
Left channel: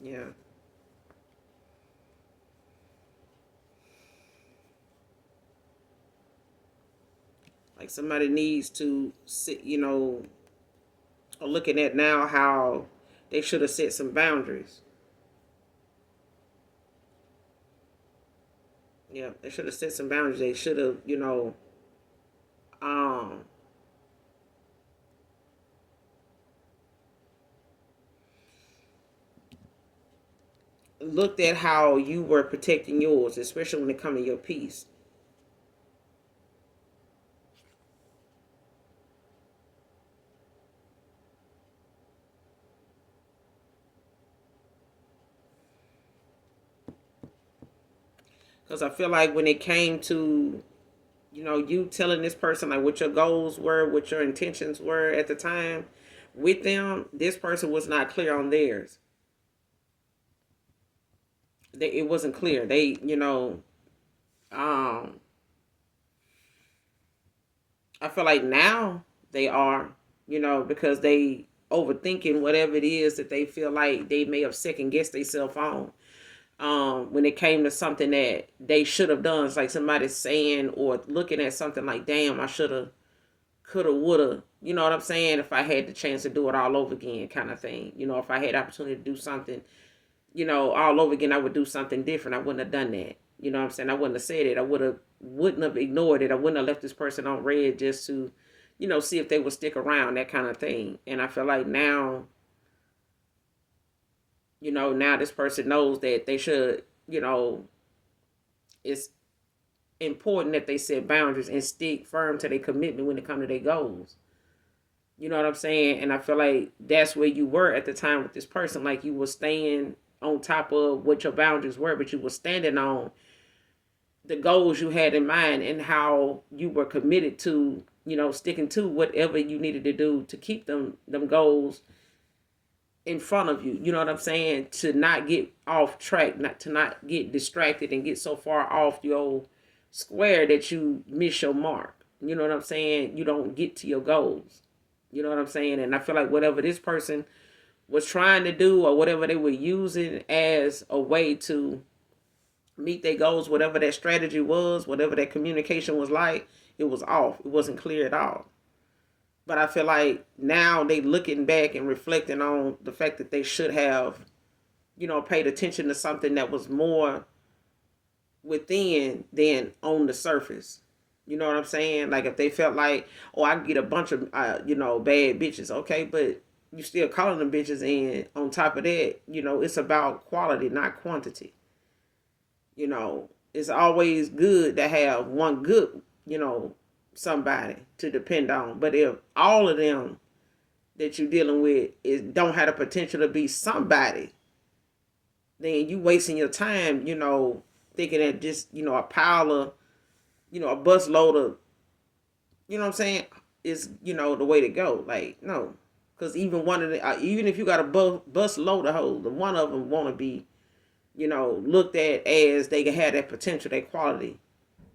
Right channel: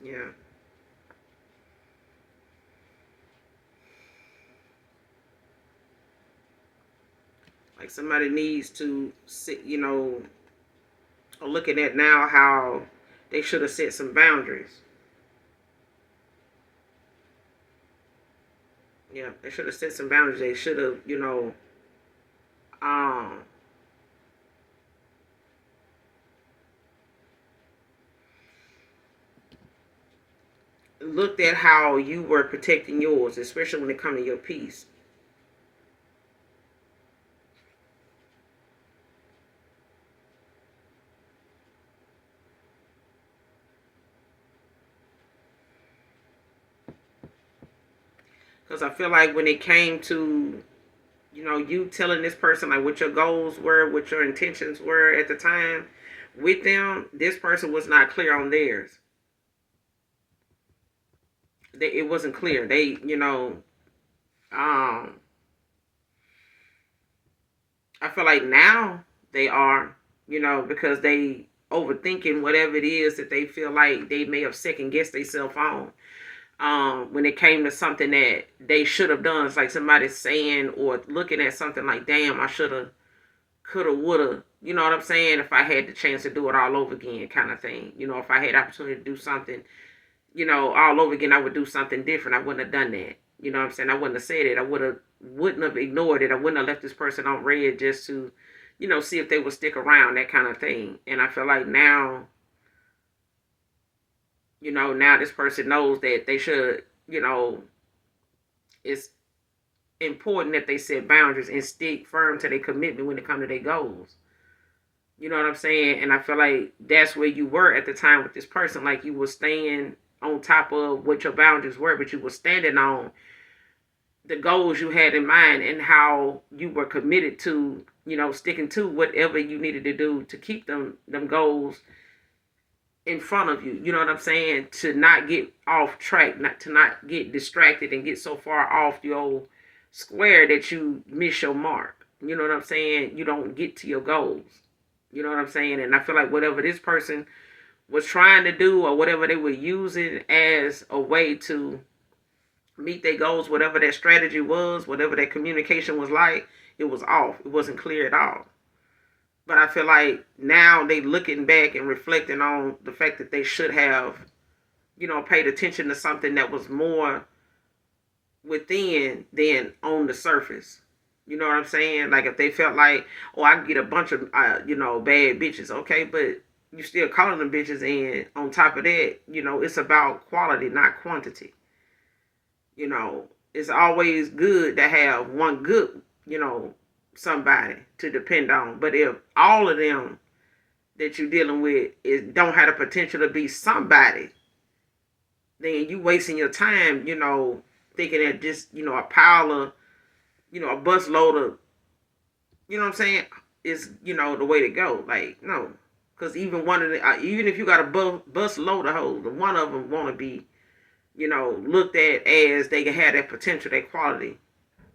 Yeah. Like somebody needs to sit, looking at now how they should have set some boundaries. Yeah, they should have set some boundaries. They should have, um, looked at how you were protecting yours, especially when it comes to your peace. Because I feel like when it came to, you telling this person like what your goals were, what your intentions were at the time with them, this person was not clear on theirs. It wasn't clear. They, I feel like now they are, because they overthinking whatever it is that they feel like they may have second guessed themselves on. When it came to something that they should have done, it's like somebody saying or looking at something like, damn, I should have, could have, would have, you know what I'm saying? If I had the chance to do it all over again, kind of thing. If I had the opportunity to do something, all over again, I would do something different. I wouldn't have done that. You know what I'm saying? I wouldn't have said it. Wouldn't have ignored it. I wouldn't have left this person on red just to, see if they would stick around, that kind of thing. And I feel like now, now this person knows that they should, it's important that they set boundaries and stick firm to their commitment when it comes to their goals. You know what I'm saying? And I feel like that's where you were at the time with this person. Like you were staying on top of what your boundaries were, but you were standing on the goals you had in mind and how you were committed to, sticking to whatever you needed to do to keep them goals in front of you. You know what I'm saying? To not get off track, not get distracted and get so far off your square that you miss your mark. You know what I'm saying? You don't get to your goals. You know what I'm saying? And I feel like whatever this person was trying to do or whatever they were using as a way to meet their goals, whatever that strategy was, whatever that communication was like, it was off. It wasn't clear at all. But I feel like now they looking back and reflecting on the fact that they should have, paid attention to something that was more within than on the surface. You know what I'm saying? Like if they felt like, oh, I can get a bunch of, bad bitches. Okay, but you still calling them bitches. And on top of that, it's about quality, not quantity. It's always good to have one good, somebody to depend on. But if all of them that you're dealing with don't have the potential to be somebody, then you wasting your time, thinking that just, a pile of, a bus load of, you know what I'm saying, is, the way to go. Like, no. Because even one of the, even if you got a bus load of hoes, one of them want to be, looked at as they can have that potential, that quality,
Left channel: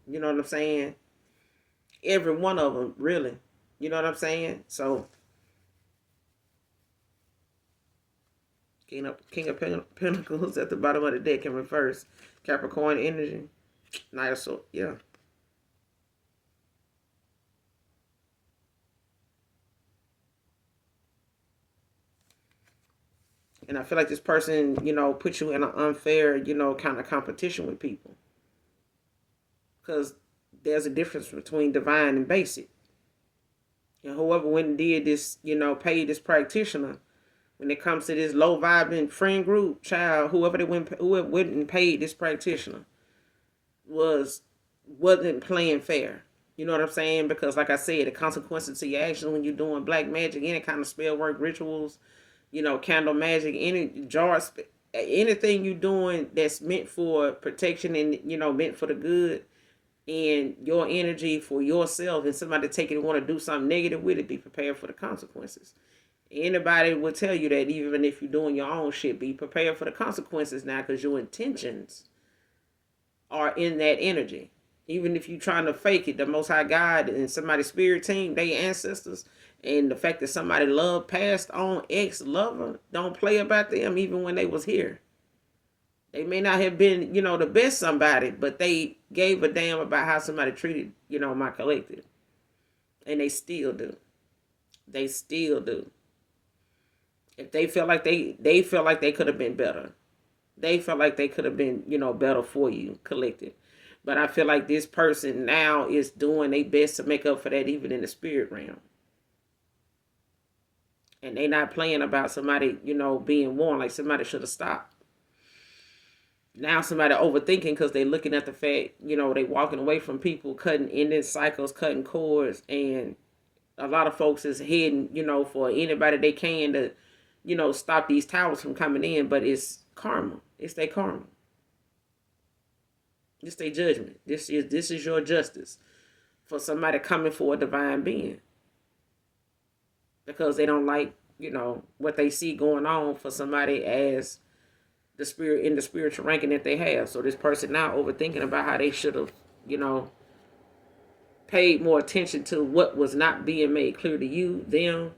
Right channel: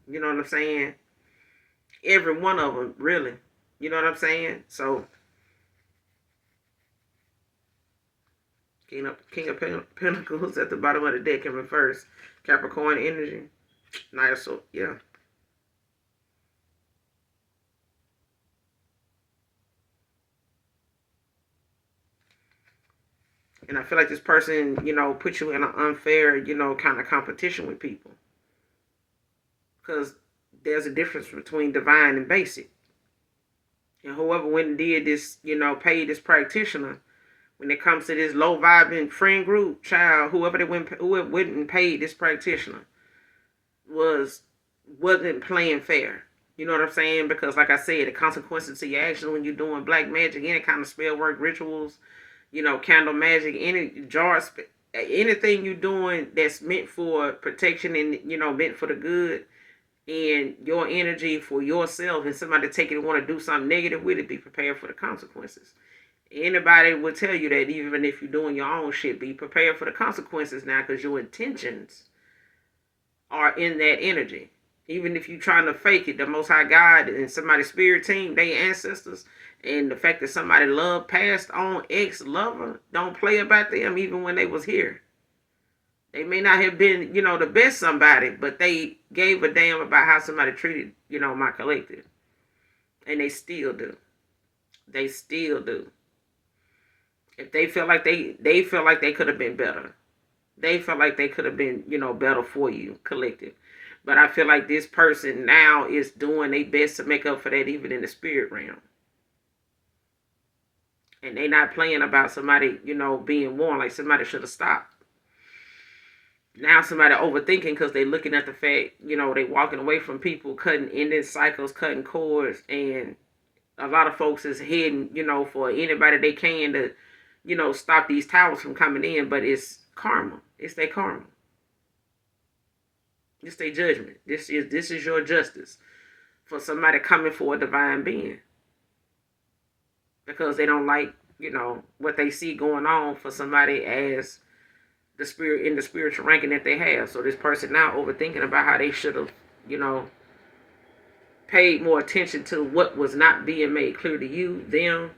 You know what I'm saying? Every one of them, really. You know what I'm saying? So, King of Pentacles at the bottom of the deck in reverse. Capricorn energy. Nice. So, yeah. And I feel like this person, put you in an unfair, kind of competition with people. Because there's a difference between divine and basic. And whoever went and did this, paid this practitioner, when it comes to this low vibing friend group, child, whoever went and paid this practitioner wasn't playing fair. You know what I'm saying? Because like I said, the consequences to your actions when you're doing black magic, any kind of spell work, rituals, candle magic, any jars, anything you're doing that's meant for protection and meant for the good and your energy for yourself, and somebody take it and want to do something negative with it, be prepared for the consequences. Anybody will tell you that, even if you're doing your own shit, be prepared for the consequences now, because your intentions are in that energy. Even if you're trying to fake it, the Most High God and somebody's spirit team, they ancestors, and the fact that somebody love passed on ex-lover, don't play about them even when they was here. They may not have been, the best somebody, but they gave a damn about how somebody treated, my collective. And they still do. They still do. If they felt like they felt like they could have been better. They felt like they could have been, better for you, collective. But I feel like this person now is doing their best to make up for that, even in the spirit realm. And they not playing about somebody, being warned, like somebody should have stopped. Now somebody overthinking because they looking at the fact, they walking away from people, cutting ending cycles, cutting cords, and a lot of folks is heading, for anybody they can to, stop these towers from coming in, but it's karma. It's their karma. It's their judgment. This is your justice for somebody coming for a divine being. Because they don't like, what they see going on for somebody as the spirit in the spiritual ranking that they have. So this person now overthinking about how they should have, paid more attention to what was not being made clear to you, them,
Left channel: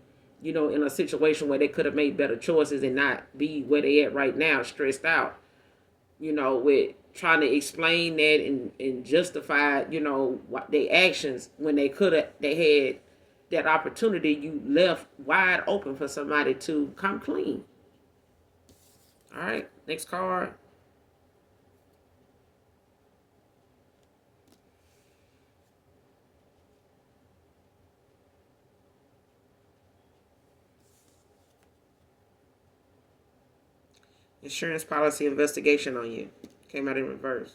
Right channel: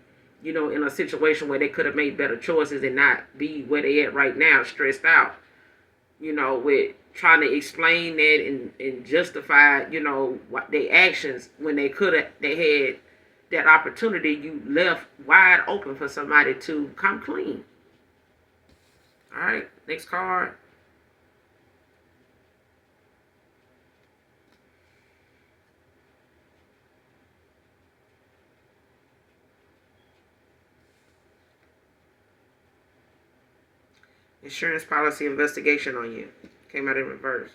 in a situation where they could have made better choices and not be where they at right now, stressed out, with trying to explain that and justify, what their actions when they had that opportunity you left wide open for somebody to come clean. All right, next card. Insurance policy investigation on you. Came out in reverse.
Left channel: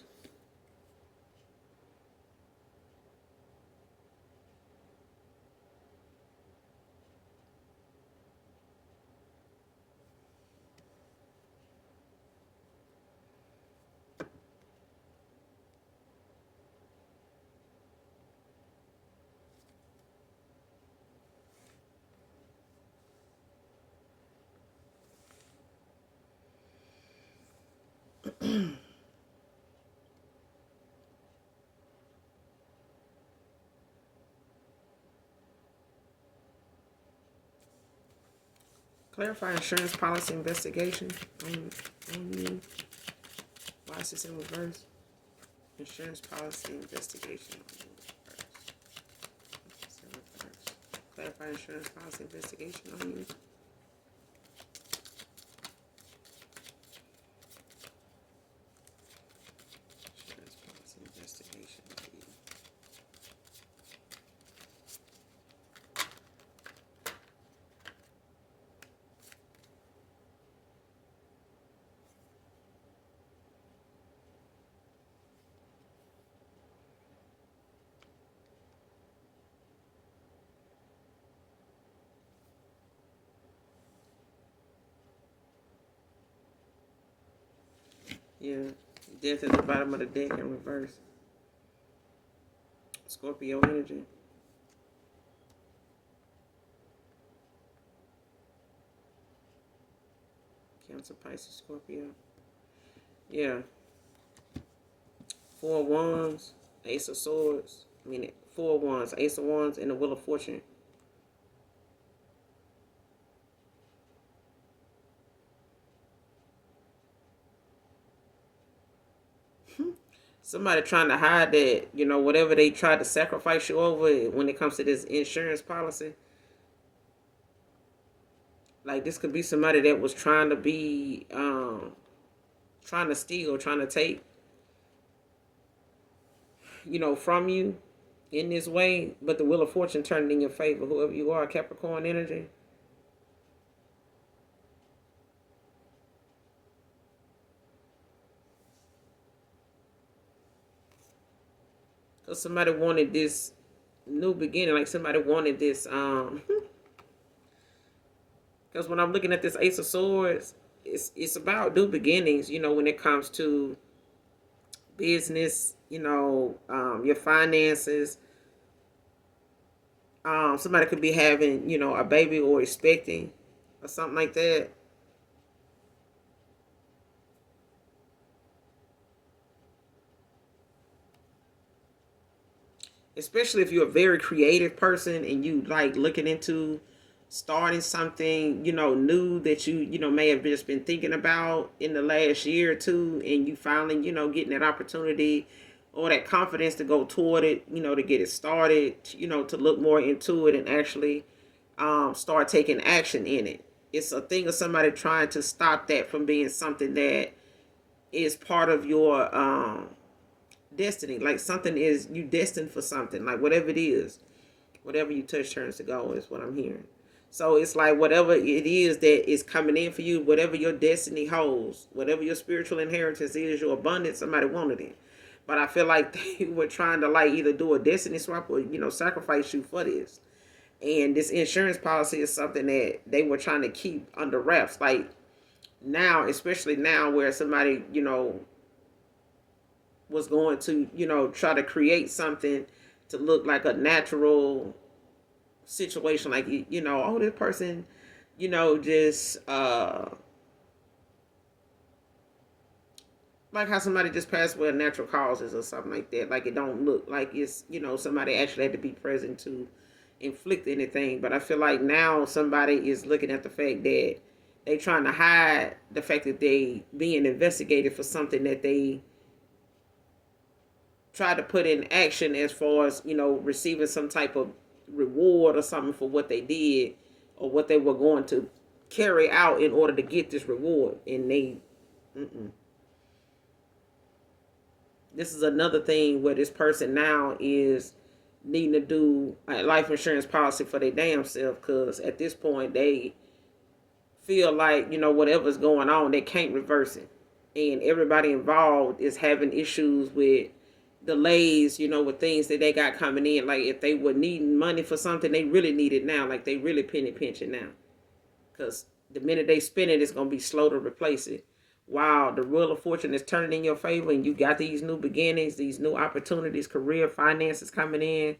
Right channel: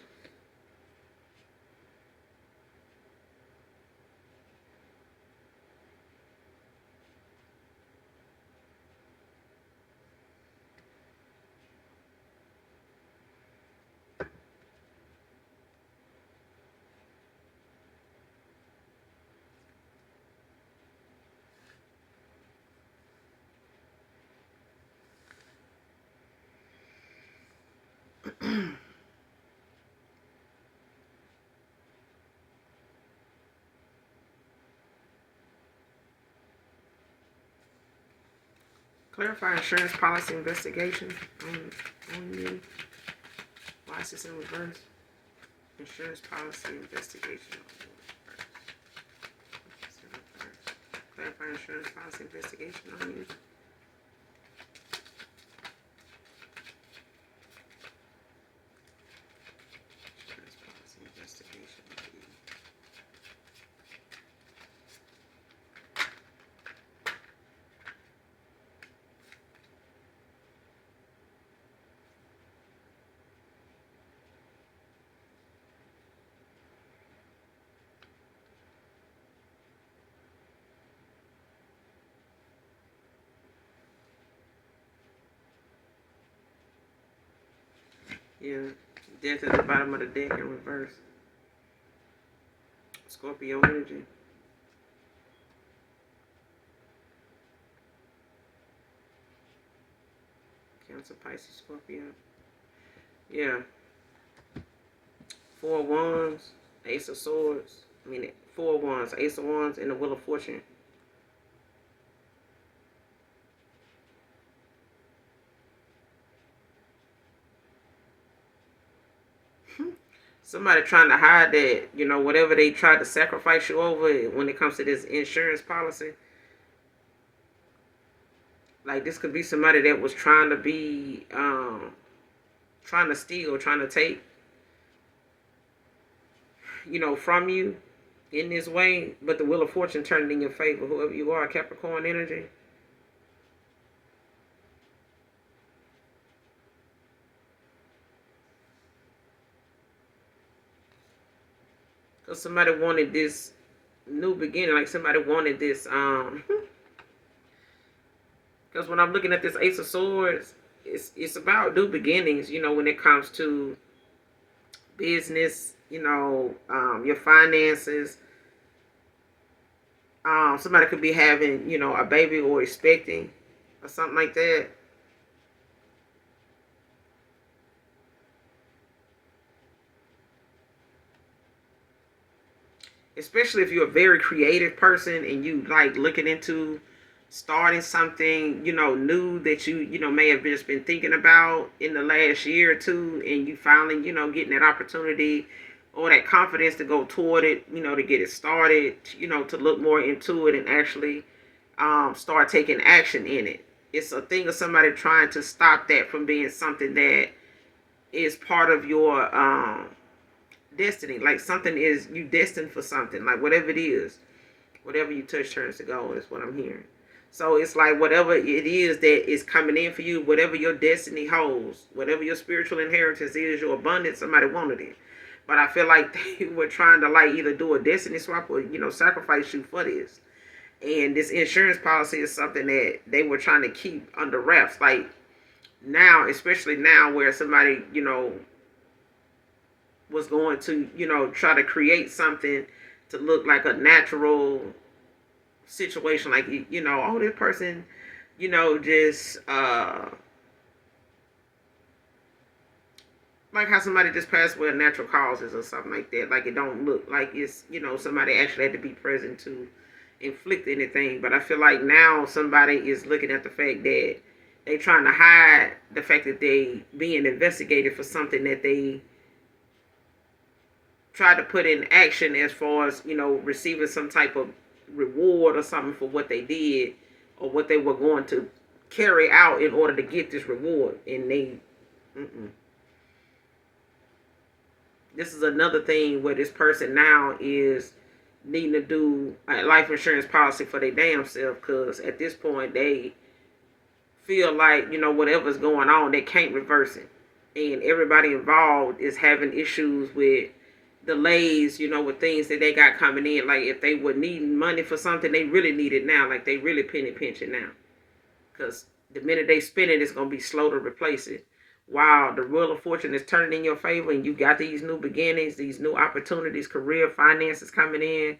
Clarify insurance policy investigation on you. Why is this in reverse? Insurance policy investigation on you. Clarify insurance policy investigation on you. Insurance policy investigation on you. Yeah, death at the bottom of the deck in reverse. Scorpio energy. Cancer, Pisces, Scorpio. Yeah. 4 of Wands. Ace of Swords. I mean, Four of Wands, Ace of Wands, and the Wheel of Fortune. Somebody trying to hide that, whatever they tried to sacrifice you over when it comes to this insurance policy. Like, this could be somebody that was trying to be, trying to steal, trying to take, from you in this way. But the Wheel of Fortune turned in your favor. Whoever you are, Capricorn energy. Because somebody wanted this new beginning. Like, somebody wanted this, because when I'm looking at this Ace of Swords, it's about new beginnings, when it comes to business, your finances. Somebody could be having, a baby or expecting or something like that. Especially if you're a very creative person and you like looking into starting something, new that you may have just been thinking about in the last year or two, and you finally, getting that opportunity or that confidence to go toward it, to get it started, to look more into it and actually start taking action in it. It's a thing of somebody trying to stop that from being something that is part of your destiny. Like, something is, you destined for something, like whatever it is, whatever you touch turns to gold is what I'm hearing. So it's like whatever it is that is coming in for you, whatever your destiny holds, whatever your spiritual inheritance is, your abundance, somebody wanted it. But I feel like they were trying to like either do a destiny swap or, sacrifice you for this. And this insurance policy is something that they were trying to keep under wraps. Like, now, especially now where somebody, was going to, try to create something to look like a natural situation. Like, oh, this person, just, like how somebody just passed away of natural causes or something like that. Like, it don't look like it's, somebody actually had to be present to inflict anything. But I feel like now somebody is looking at the fact that they trying to hide the fact that they being investigated for something that they tried to put in action, as far as, receiving some type of reward or something for what they did or what they were going to carry out in order to get this reward. And they, this is another thing where this person now is needing to do a life insurance policy for their damn self, because at this point they feel like, whatever's going on, they can't reverse it. And everybody involved is having issues with delays, with things that they got coming in. Like, if they were needing money for something, they really need it now. Like, they really penny pinching now. Because the minute they spend it, it's going to be slow to replace it. Wow, the Wheel of Fortune is turning in your favor, and you got these new beginnings, these new opportunities, career, finances coming in.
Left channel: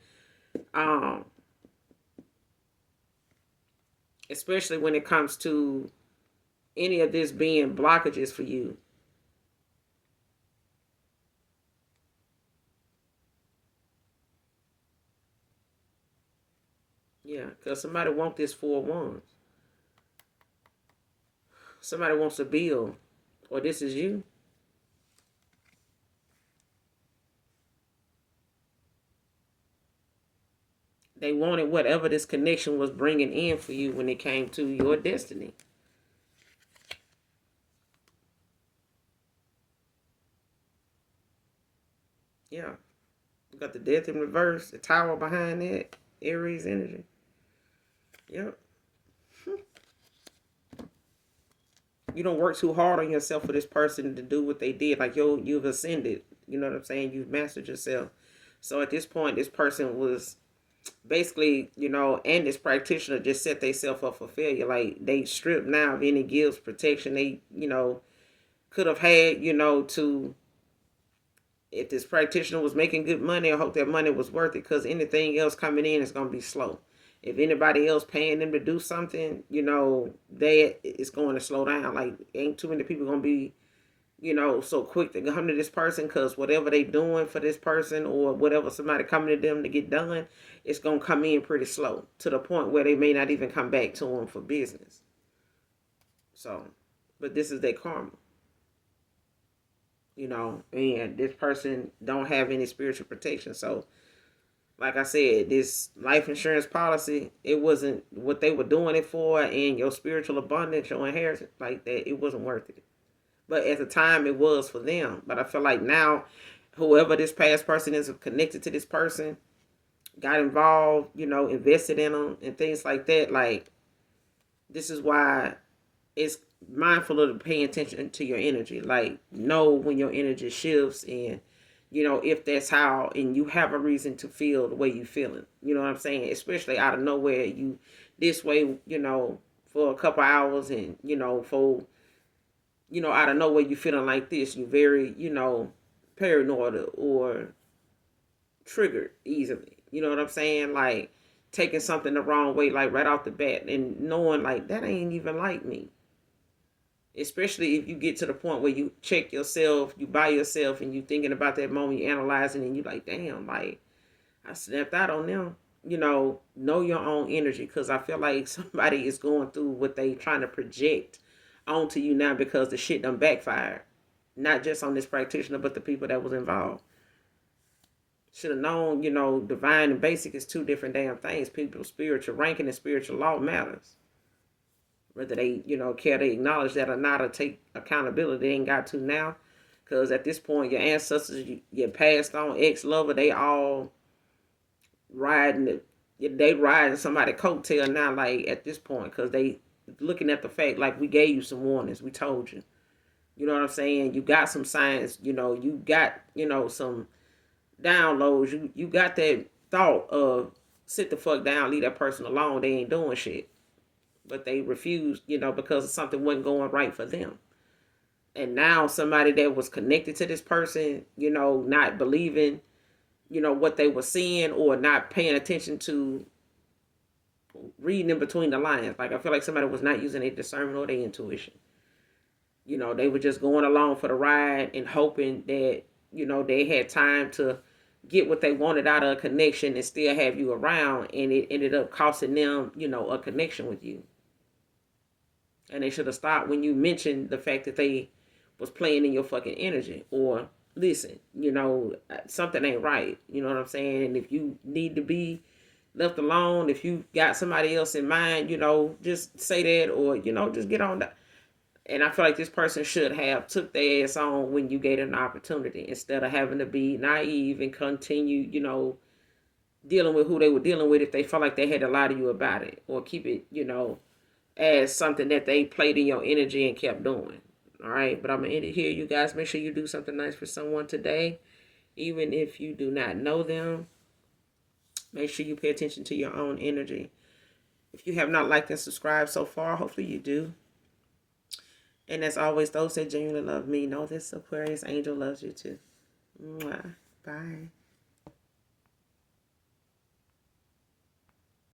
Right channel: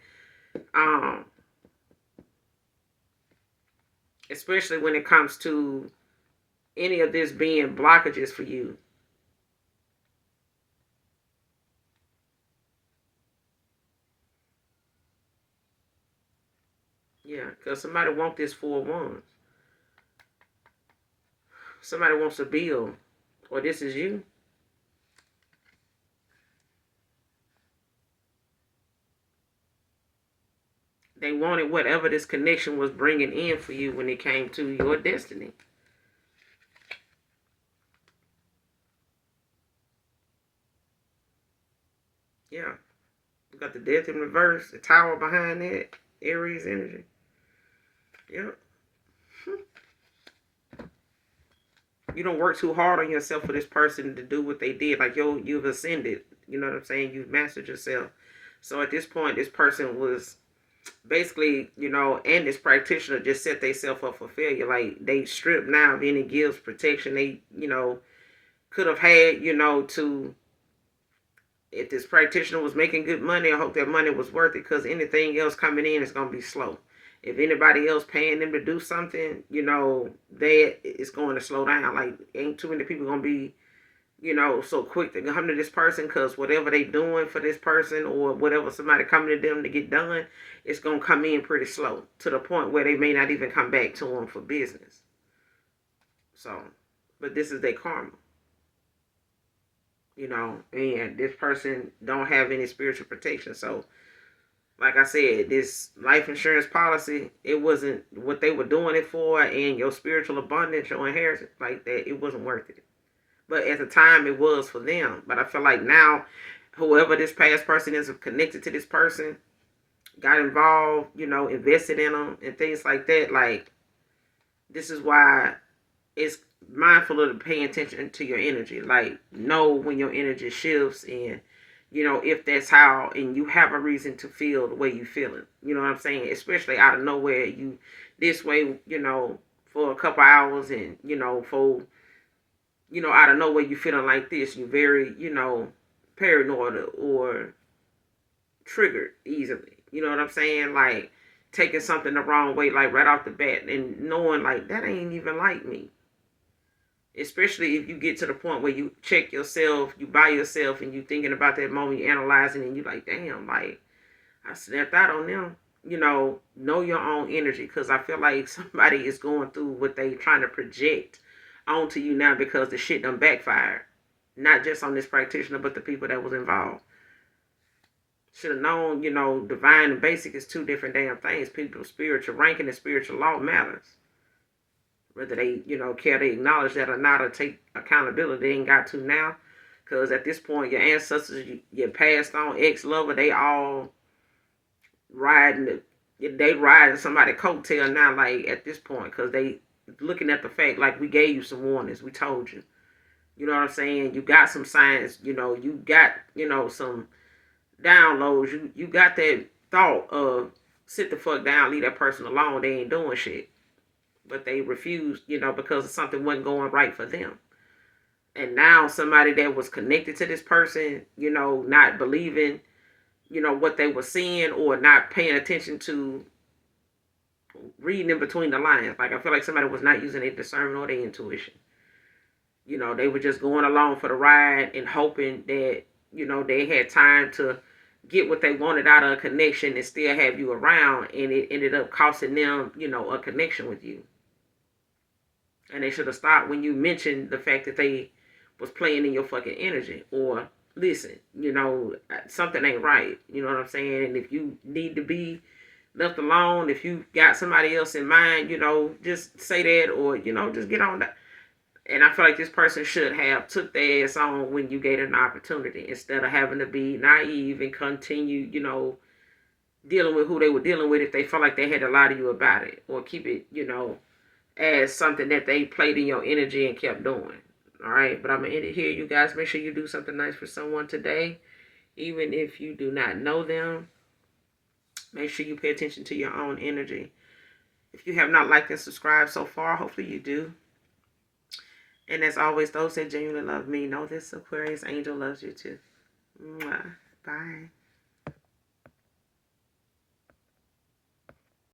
Especially when it comes to any of this being blockages for you. Yeah, because somebody wants this Four of Wands. Somebody wants a bill, or this is you. They wanted whatever this connection was bringing in for you when it came to your destiny. Yeah. You got the Death in reverse, the Tower behind that, Aries energy. Yep. You don't work too hard on yourself for this person to do what they did. Like, you've ascended. You know what I'm saying? You've mastered yourself. So at this point, this person was basically, and this practitioner just set themselves up for failure. Like, they stripped now of any gifts, protection they, could have had, to, if this practitioner was making good money, I hope that money was worth it, because anything else coming in is going to be slow. If anybody else paying them to do something, it's going to slow down. Like, ain't too many people going to be you know, so quick to come to this person because whatever they doing for this person or whatever somebody coming to them to get done, it's going to come in pretty slow to the point where they may not even come back to them for business. So, but this is their karma, you know, and this person don't have any spiritual protection. So, like I said, this life insurance policy, it wasn't what they were doing it for, and your spiritual abundance, your inheritance, like that, it wasn't worth it. But at the time, it was for them. But I feel like now, whoever this past person is connected to this person, got involved, you know, invested in them and things like that. Like, this is why it's mindful of paying attention to your energy. Like, know when your energy shifts, and you know, if that's how, and you have a reason to feel the way you feeling. You know what I'm saying? Especially out of nowhere, you this way, you know, for a couple hours, and you know, for you know, out of nowhere you feeling like this, you very, you know, paranoid or triggered easily. You know what I'm saying? Like taking something the wrong way, like right off the bat, and knowing like that ain't even like me. Especially if you get to the point where you check yourself, you by yourself, and you thinking about that moment, you analyzing, and you like, damn, like I snapped out on them. You know your own energy, because I feel like somebody is going through what they trying to project onto you now because the shit done backfired. Not just on this practitioner, but the people that was involved. Should have known, you know, divine and basic is two different damn things. People's spiritual ranking and spiritual law matters. Whether they, you know, care to acknowledge that or not, or take accountability, they ain't got to now. Because at this point, your ancestors, your passed on ex-lover, they all riding, they riding somebody's coattail now, like at this point, because they looking at the fact, like we gave you some warnings, we told you. You know what I'm saying? You got some signs, you know, you got, you know, some downloads, you got that thought of sit the fuck down, leave that person alone, they ain't doing shit. But they refused, you know, because something wasn't going right for them. And now somebody that was connected to this person, you know, not believing, you know, what they were seeing, or not paying attention to reading in between the lines. Like I feel like somebody was not using their discernment or their intuition. You know, they were just going along for the ride and hoping that, you know, they had time to get what they wanted out of a connection and still have you around, and it ended up costing them, you know, a connection with you. And they should have stopped when you mentioned the fact that they was playing in your fucking energy. Or listen, you know, something ain't right. You know what I'm saying? And if you need to be left alone, if you got somebody else in mind, you know, just say that, or, you know, just get on that. And I feel like this person should have took their ass on when you gave them an opportunity, instead of having to be naive and continue, you know, dealing with who they were dealing with if they felt like they had to lie to you about it, or keep it, you know, as something that they played in your energy and kept doing. All right, but I'm going to end it here. You guys, make sure you do something nice for someone today, even if you do not know them. Make sure you pay attention to your own energy. If you have not liked and subscribed so far, hopefully you do. And as always, those that genuinely love me know this Aquarius angel loves you too. Mwah. Bye.